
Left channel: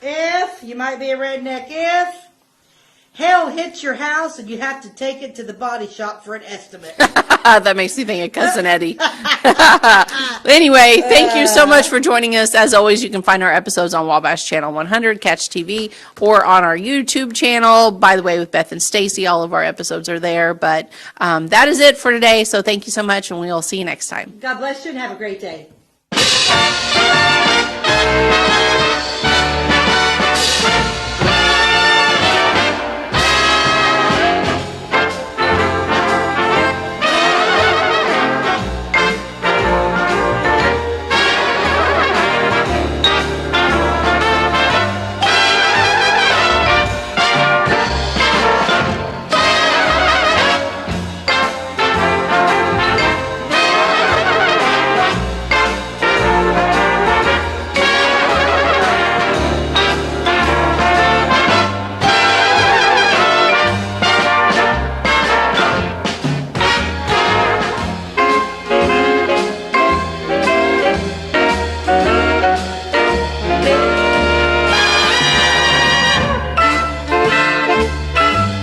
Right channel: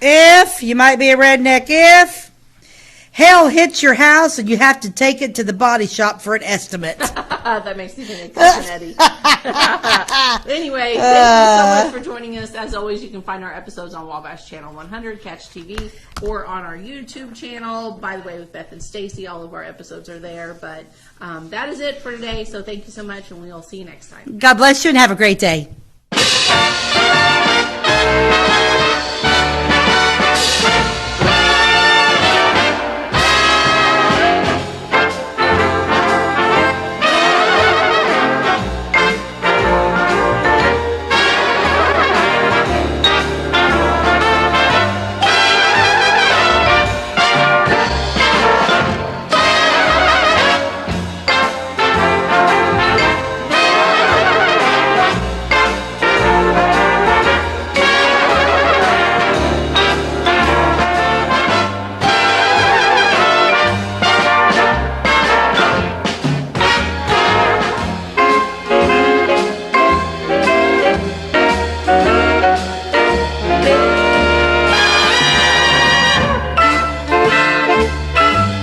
If you might be a redneck if hell hits your house and you have to take it to the body shop for an estimate. That makes me think of Cousin Eddie. Anyway, thank you so much for joining us. As always, you can find our episodes on Wabash Channel 100, Catch TV, or on our YouTube channel. By the way, with Beth and Stacey, all of our episodes are there. But that is it for today. So thank you so much, and we'll see you next time. God bless you and have a great day.